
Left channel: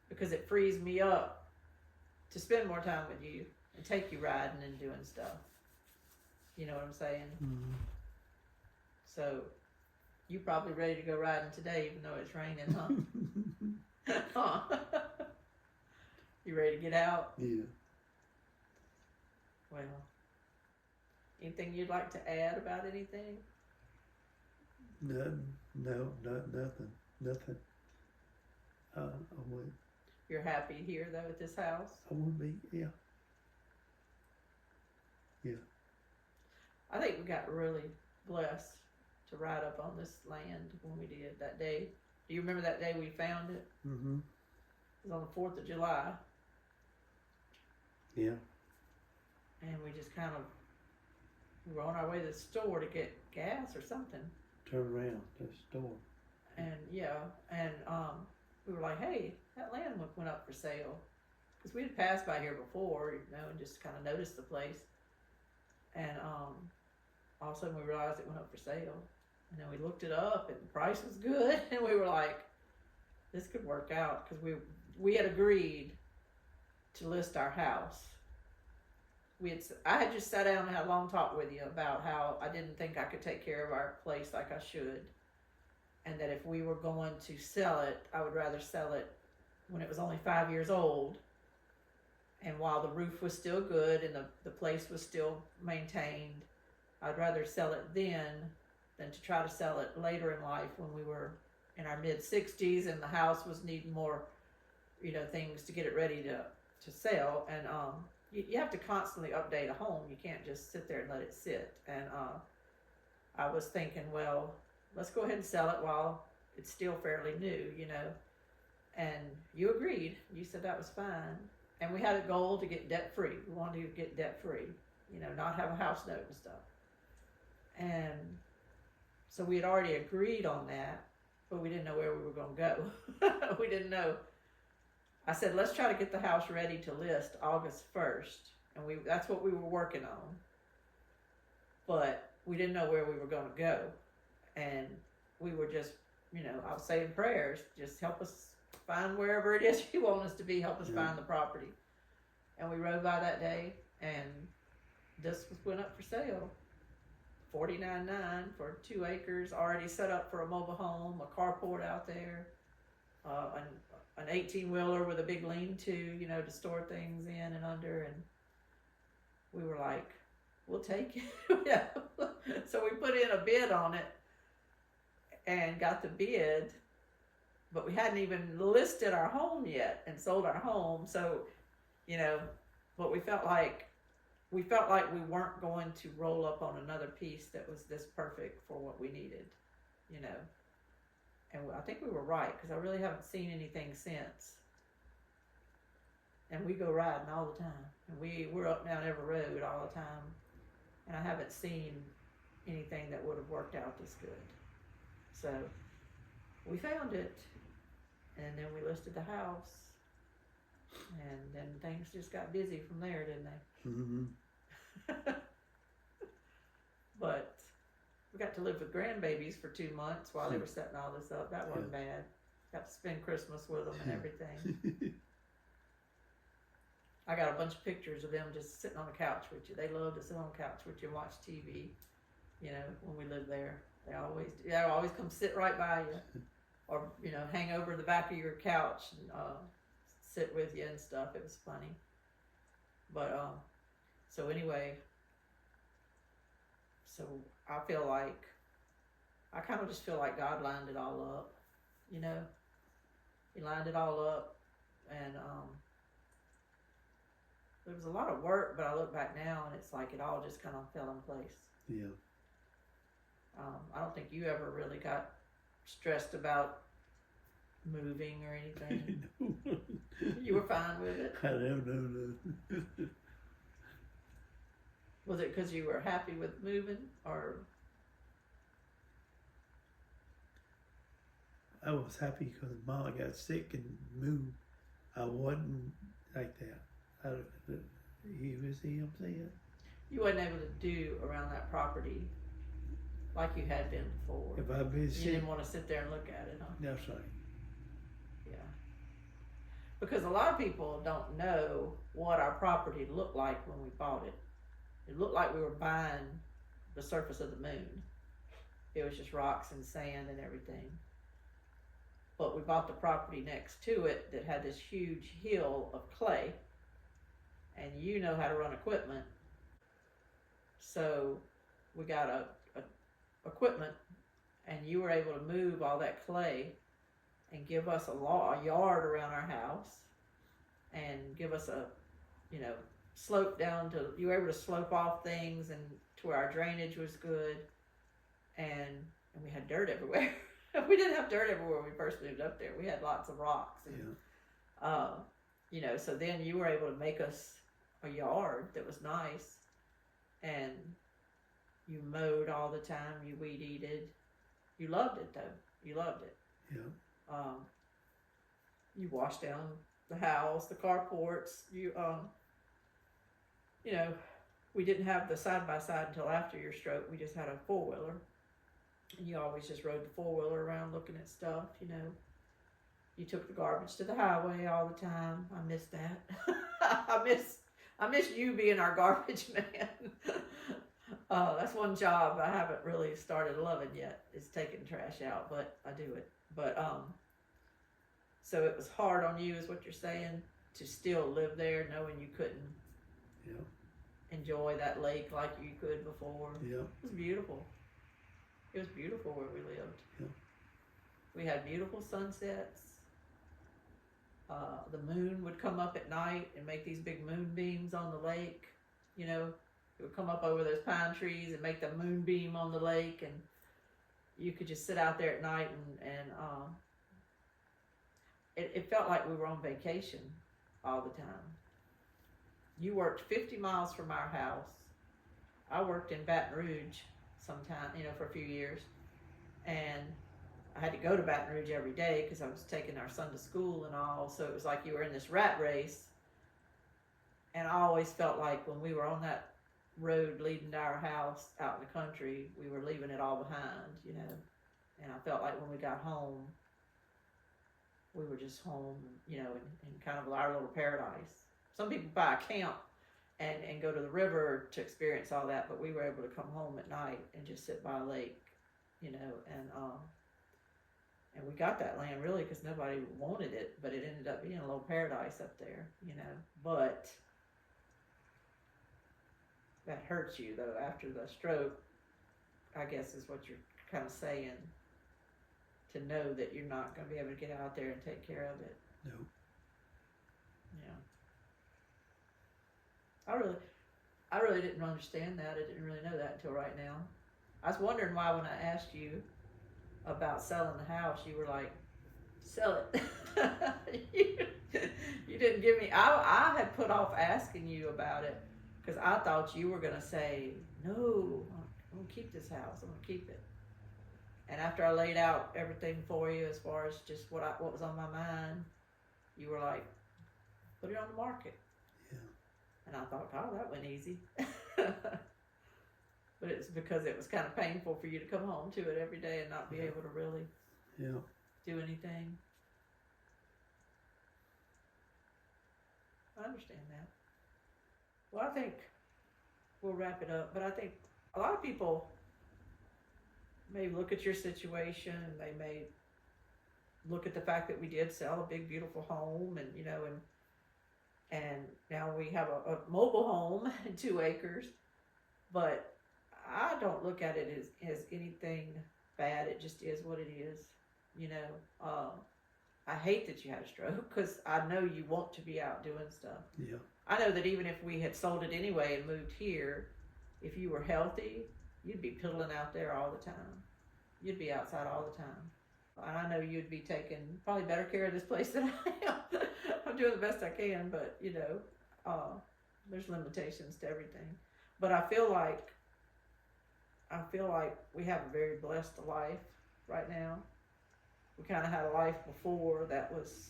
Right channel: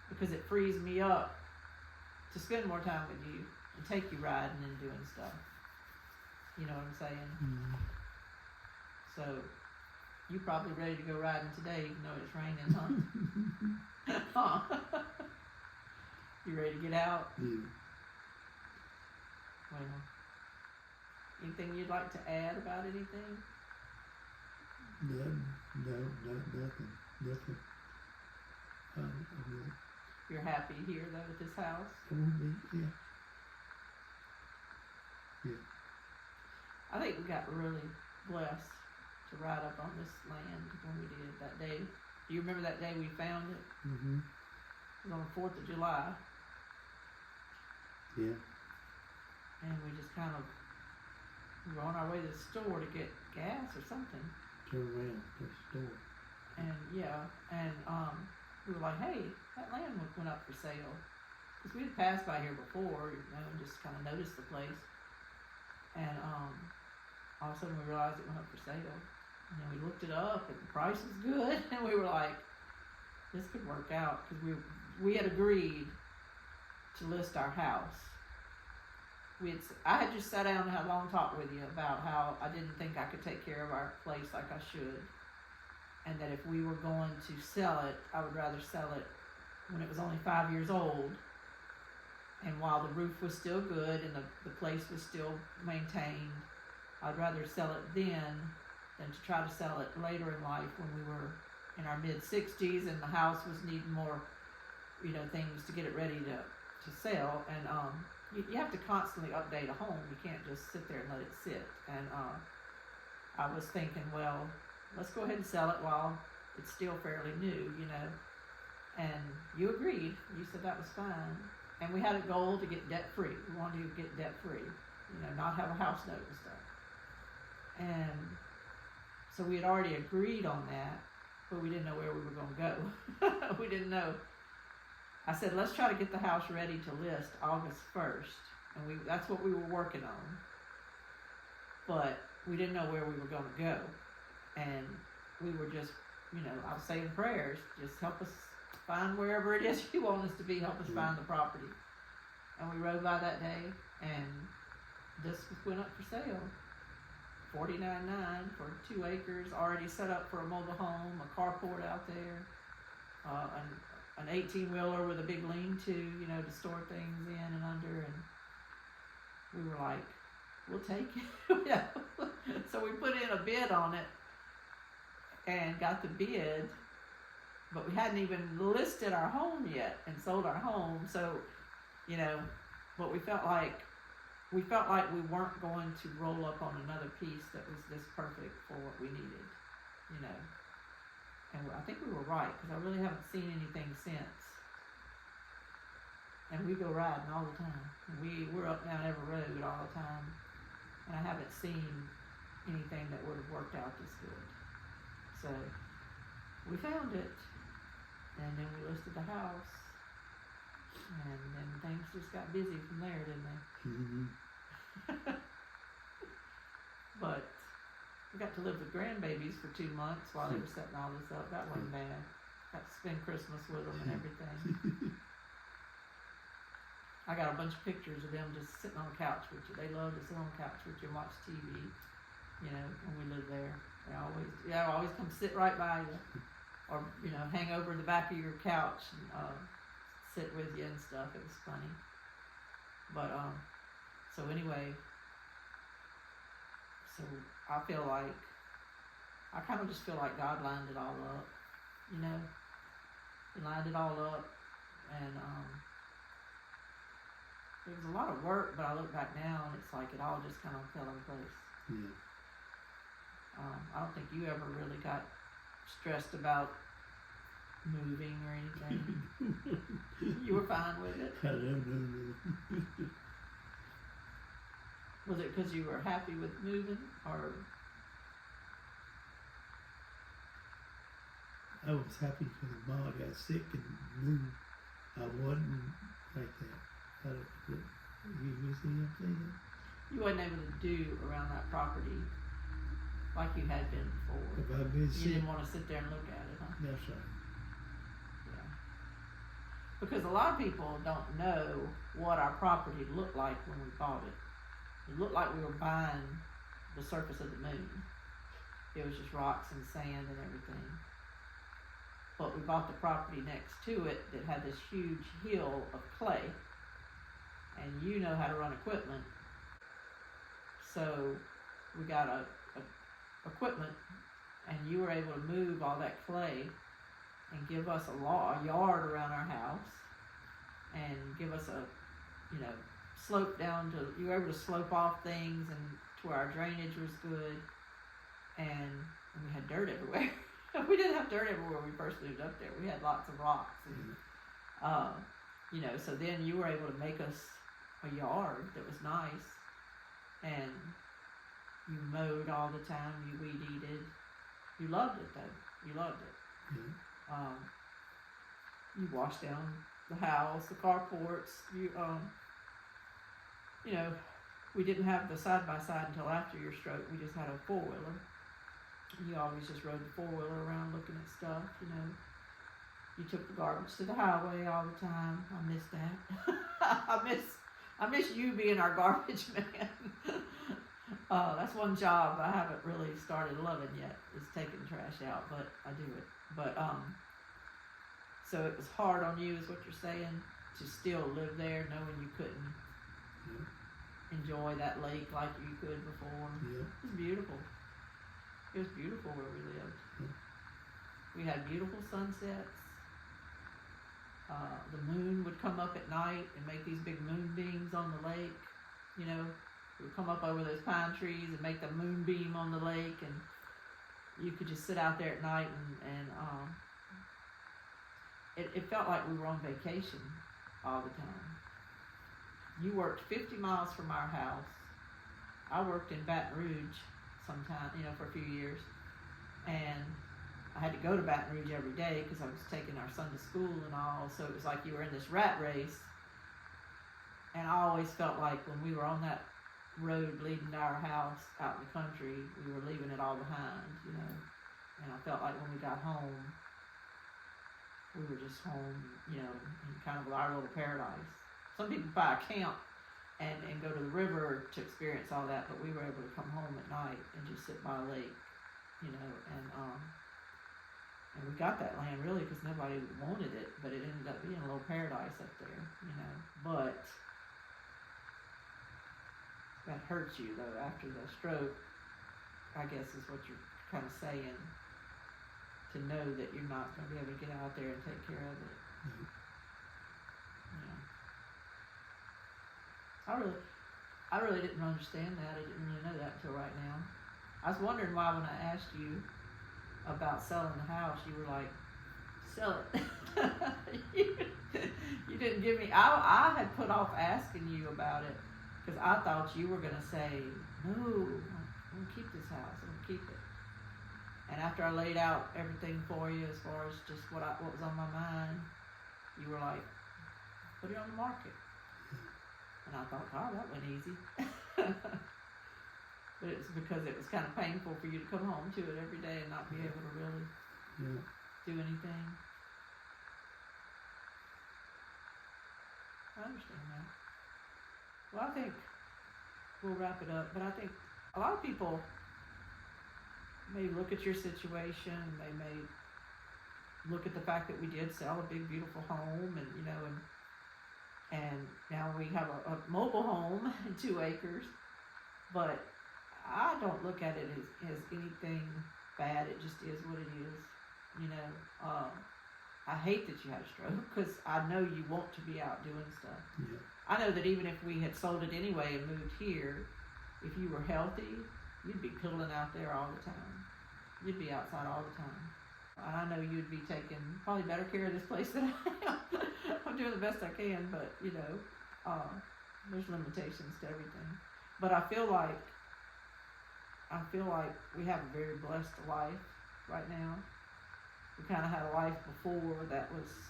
because it frees me up to spend more time with you and take you riding and doing stuff. You know what I'm saying? Mm-hmm. So you probably ready to go riding today, even though it's raining, huh? You ready to get out? Yeah. Well, anything you'd like to add about anything? Nothing. I won't. You're happy here though at this house? I won't be. Yeah. I think we got really blessed to ride up on this land when we did that day. Do you remember that day we found it? Mm-hmm. It was on the 4th of July. Yeah. And we just we were on our way to the store to get gas or something. Turn around to the store. And we were like, hey, that land went up for sale. Because we had passed by here before, and just kind of noticed the place. And all of a sudden we realized it went up for sale. And then we looked it up, and the price was good. And we were like, this could work out. Because we had agreed to list our house. I had just sat down and had a long talk with you about how I didn't think I could take care of our place like I should. And that if we were going to sell it, I would rather sell it when it was only 5 years old. And while the roof was still good and the place was still maintained, I'd rather sell it then than to try to sell it later in life when we were in our mid-60s and the house was needing more, things to get it ready to sell. And you have to constantly update a home. You can't just sit there and let it sit. And I was thinking, well, let's go ahead and sell it while it's still fairly new, And you agreed. You said that was fine. And we had a goal to get debt free. We wanted to get debt free, not have a house note and stuff. And so we had already agreed on that, but we didn't know where we were going to go. We didn't know. I said, let's try to get the house ready to list August 1st. And that's what we were working on. But we didn't know where we were going to go. And we were just, I was saying prayers, just help us find wherever it is you want us to be, help us find the property. And we rode by that day, and this went up for sale. $49,900 for 2 acres, already set up for a mobile home, a carport out there, an 18-wheeler with a big lean-to, to store things in and under. And we were like, we'll take it. So we put in a bid on it and got the bid, but we hadn't even listed our home yet and sold our home. So, but we felt like we weren't going to roll up on another piece that was this perfect for what we needed, And I think we were right, because I really haven't seen anything since. And we go riding all the time. And we're up and down every road all the time. And I haven't seen anything that would have worked out this good. So we found it, and then we listed the house, and then things just got busy from there, didn't they? Mm-hmm. But we got to live with grandbabies for 2 months while they were setting all this up. That wasn't bad. Got to spend Christmas with them and everything. I got a bunch of pictures of them just sitting on the couch with you. They love to sit on the couch with you and watch TV, when we lived there. They always come sit right by you, or hang over the back of your couch and sit with you and stuff. It was funny. But so anyway, so I kind of just feel like God lined it all up, He lined it all up, and it was a lot of work. But I look back now and it's like it all just kind of fell in place. Yeah. I don't think you ever really got stressed about moving or anything. You were fine with it. I don't know. Was it because you were happy with moving, or? I was happy because Mom got sick and moved. I wasn't like that. You see what I'm saying? You wasn't able to do around that property like you had been before. If I've been sick, you didn't want to sit there and look at it, huh? No, sir. Yeah. Because a lot of people don't know what our property looked like when we bought it. It looked like we were buying the surface of the moon. It was just rocks and sand and everything. But we bought the property next to it that had this huge hill of clay. And you know how to run equipment. So we got a equipment, and you were able to move all that clay and give us a yard around our house, and give us a slope down to, you were able to slope off things and to where our drainage was good, and we had dirt everywhere. We didn't have dirt everywhere when we first moved up there. We had lots of rocks, and so then you were able to make us a yard that was nice, and you mowed all the time, you weed eated. You loved it though. You loved it. Yeah. you wash down the house, the carports. You know, we didn't have the side by side until after your stroke. We just had a 4-wheeler. You always just rode the 4-wheeler around looking at stuff. You know, you took the garbage to the highway all the time. I miss that. I miss you being our garbage man. That's one job I haven't really started loving yet, is taking trash out, but I do it. But so it was hard on you, is what you're saying, to still live there, knowing you couldn't enjoy that lake like you could before. Yeah. It was beautiful. It was beautiful where we lived. Yeah. We had beautiful sunsets. The moon would come up at night and make these big moonbeams on the lake. You know, it would come up over those pine trees and make the moonbeam on the lake, and you could just sit out there at night and it felt like we were on vacation all the time. You worked 50 miles from our house. I worked in Baton Rouge sometime, you know, for a few years, and I had to go to Baton Rouge every day because I was taking our son to school and all, so it was like you were in this rat race. And I always felt like when we were on that road leading to our house out in the country, we were leaving it all behind, you know. And I felt like when we got home, we were just home, you know, in kind of our little paradise. Some people buy a camp and go to the river to experience all that, but we were able to come home at night and just sit by a lake, you know, and we got that land really because nobody wanted it, but it ended up being a little paradise up there, you know. But that hurts you though after the stroke, I guess is what you're kind of saying, to know that you're not going to be able to get out there and take care of it. No. You know. I really didn't understand that. I didn't really know that until right now. I was wondering why when I asked you about selling the house, you were like, sell it. You didn't give me, I had put off asking you about it because I thought you were going to say, no, I'm going to keep this house. I'm going to keep it. And after I laid out everything for you as far as just what was on my mind, you were like, put it on the market. And I thought, oh, that went easy. But it's because it was kind of painful for you to come home to it every day and not be able to really do anything. I understand that. Well, I think we'll wrap it up. But I think a lot of people may look at your situation and they may look at the fact that we did sell a big, beautiful home, and, you know, and now we have a mobile home and 2 acres, but I don't look at it as anything bad. It just is what it is, you know. I hate that you had a stroke because I know you want to be out doing stuff. Yeah. I know that even if we had sold it anyway and moved here, if you were healthy, you'd be piddling out there all the time. You'd be outside all the time. And I know you'd be taking probably better care of this place than I am. I'm doing the best I can, but, you know, there's limitations to everything. But I feel like we have a very blessed life right now. We kind of had a life before that was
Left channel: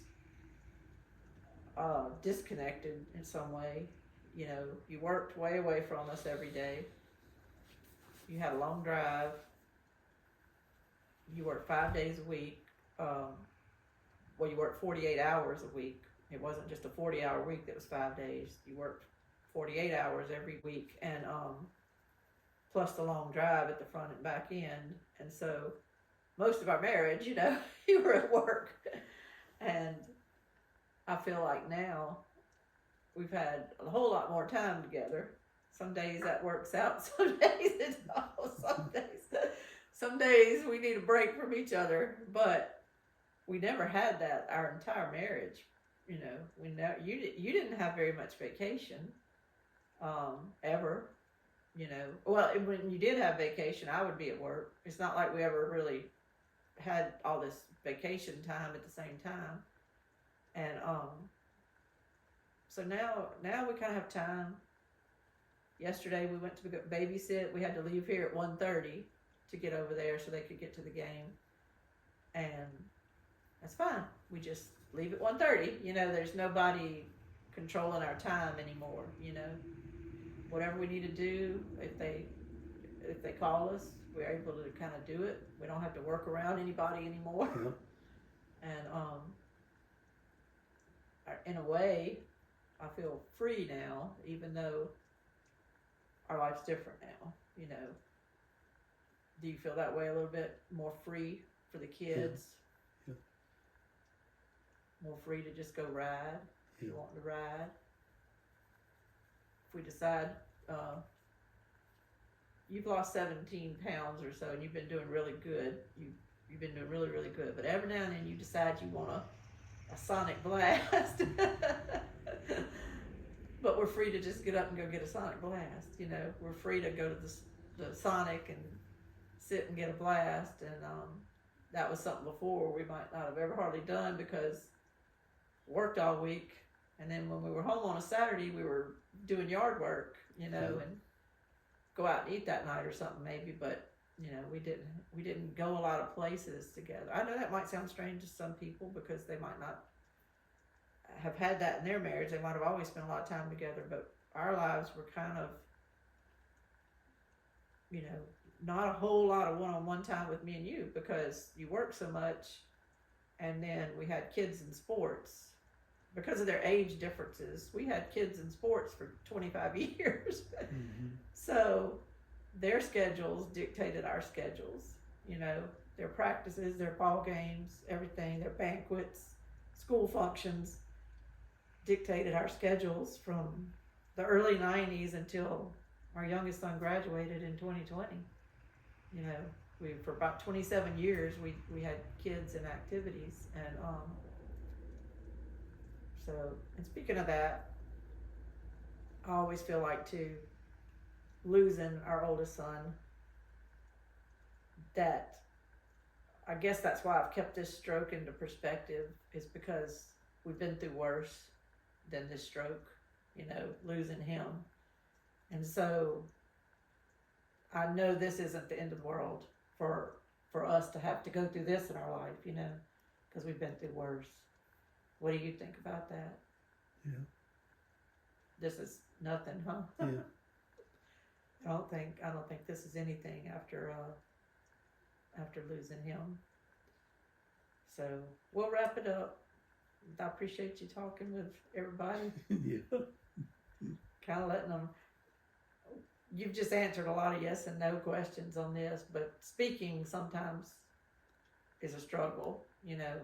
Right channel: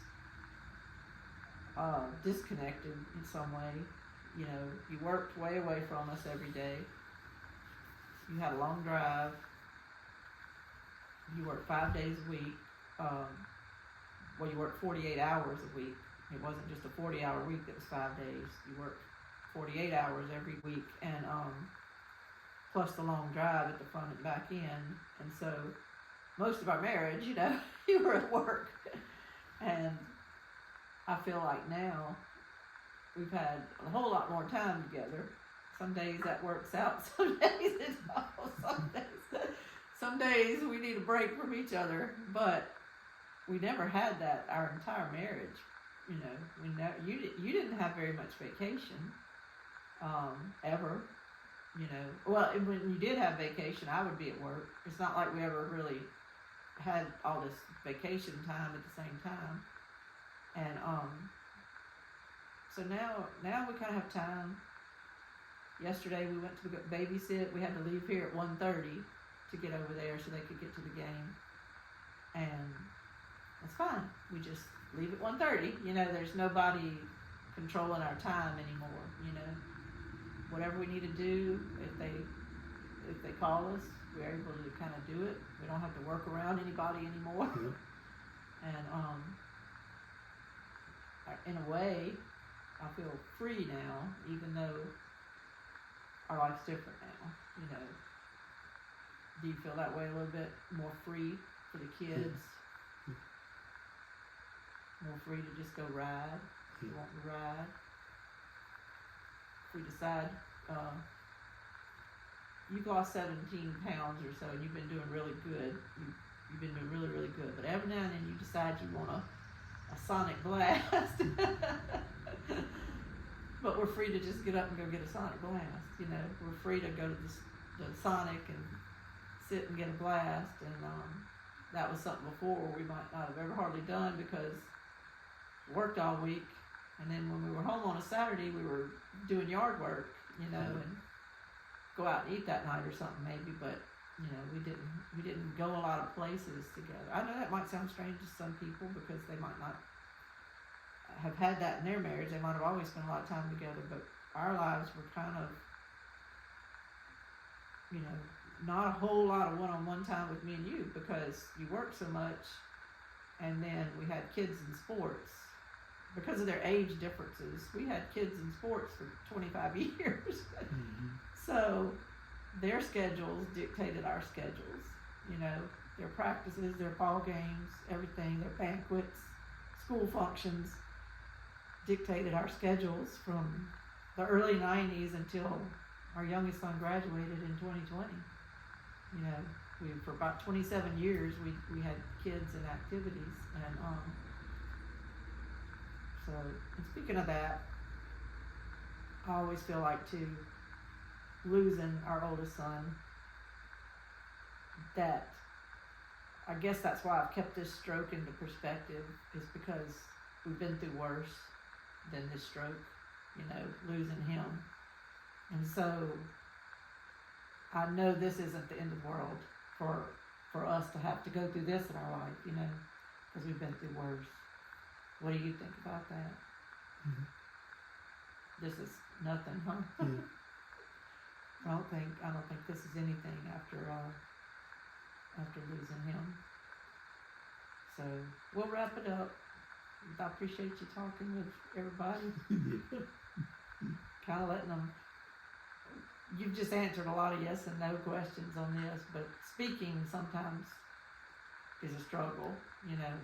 disconnected in some way. You know, you worked way away from us every day. You had a long drive. You worked 5 days a week. Well, you worked 48 hours a week. It wasn't just a 40-hour week that was 5 days. You worked 48 hours every week, and plus the long drive at the front and back end. And so most of our marriage, you know, you were at work. And I feel like now we've had a whole lot more time together. Some days that works out, some days it don't. Some days we need a break from each other, but we never had that our entire marriage. You know, you didn't have very much vacation, ever. You know, well, when you did have vacation, I would be at work. It's not like we ever really had all this vacation time at the same time. And so now we kind of have time. Yesterday we went to babysit. We had to leave here at 1:30 to get over there so they could get to the game. And that's fine. We just leave at 1:30. You know, there's nobody controlling our time anymore. You know, whatever we need to do, if they call us, we're able to kind of do it. We don't have to work around anybody anymore. Yeah. And in a way, I feel free now, even though our life's different now. You know, do you feel that way a little bit more free for the kids? Yeah. More free to just go ride. If you want to ride. If we decide you've lost 17 pounds or so and you've been doing really good. You've been doing really, really good. But every now and then you decide you want a sonic blast. But we're free to just get up and go get a sonic blast. You know, we're free to go to the Sonic and sit and get a blast. And that was something before we might not have ever hardly done because we worked all week. And then when we were home on a Saturday, we were doing yard work, you know, and go out and eat that night or something maybe. But you know, we didn't go a lot of places together. I know that might sound strange to some people because they might not have had that in their marriage. They might have always spent a lot of time together, but our lives were kind of, you know, not a whole lot of one-on-one time with me and you because you work so much, and then we had kids in sports. Because of their age differences, we had kids in sports for 25 years. Mm-hmm. So their schedules dictated our schedules, you know, their practices, their ball games, everything, their banquets, school functions dictated our schedules from the early 90s until our youngest son graduated in 2020. You know, for about 27 years we had kids and activities, and so, and speaking of that, I always feel like too, losing our oldest son, that I guess that's why I've kept this stroke into perspective, is because we've been through worse than this stroke, you know, losing him. And so I know this isn't the end of the world for us to have to go through this in our life, you know, because we've been through worse. What do you think about that? Yeah. This is nothing, huh? Yeah. I don't think this is anything after losing him. So we'll wrap it up. I appreciate you talking with everybody. Yeah. Kind of letting them. You've just answered a lot of yes and no questions on this, but speaking sometimes is a struggle. You know,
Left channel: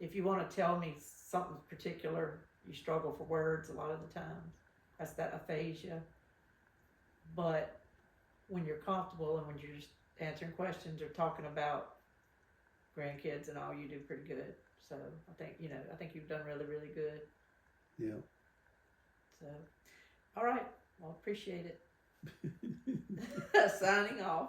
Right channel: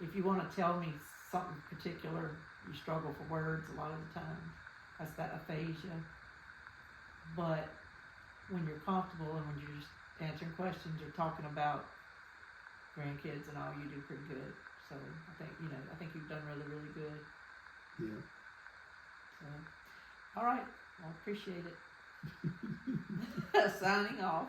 if you want to tell me something particular, you struggle for words a lot of the time. That's that aphasia. But when you're comfortable and when you're just answering questions or talking about grandkids and all, you do pretty good. So I think you've done really, really good. Yeah. So, all right. Well, appreciate it. Signing off.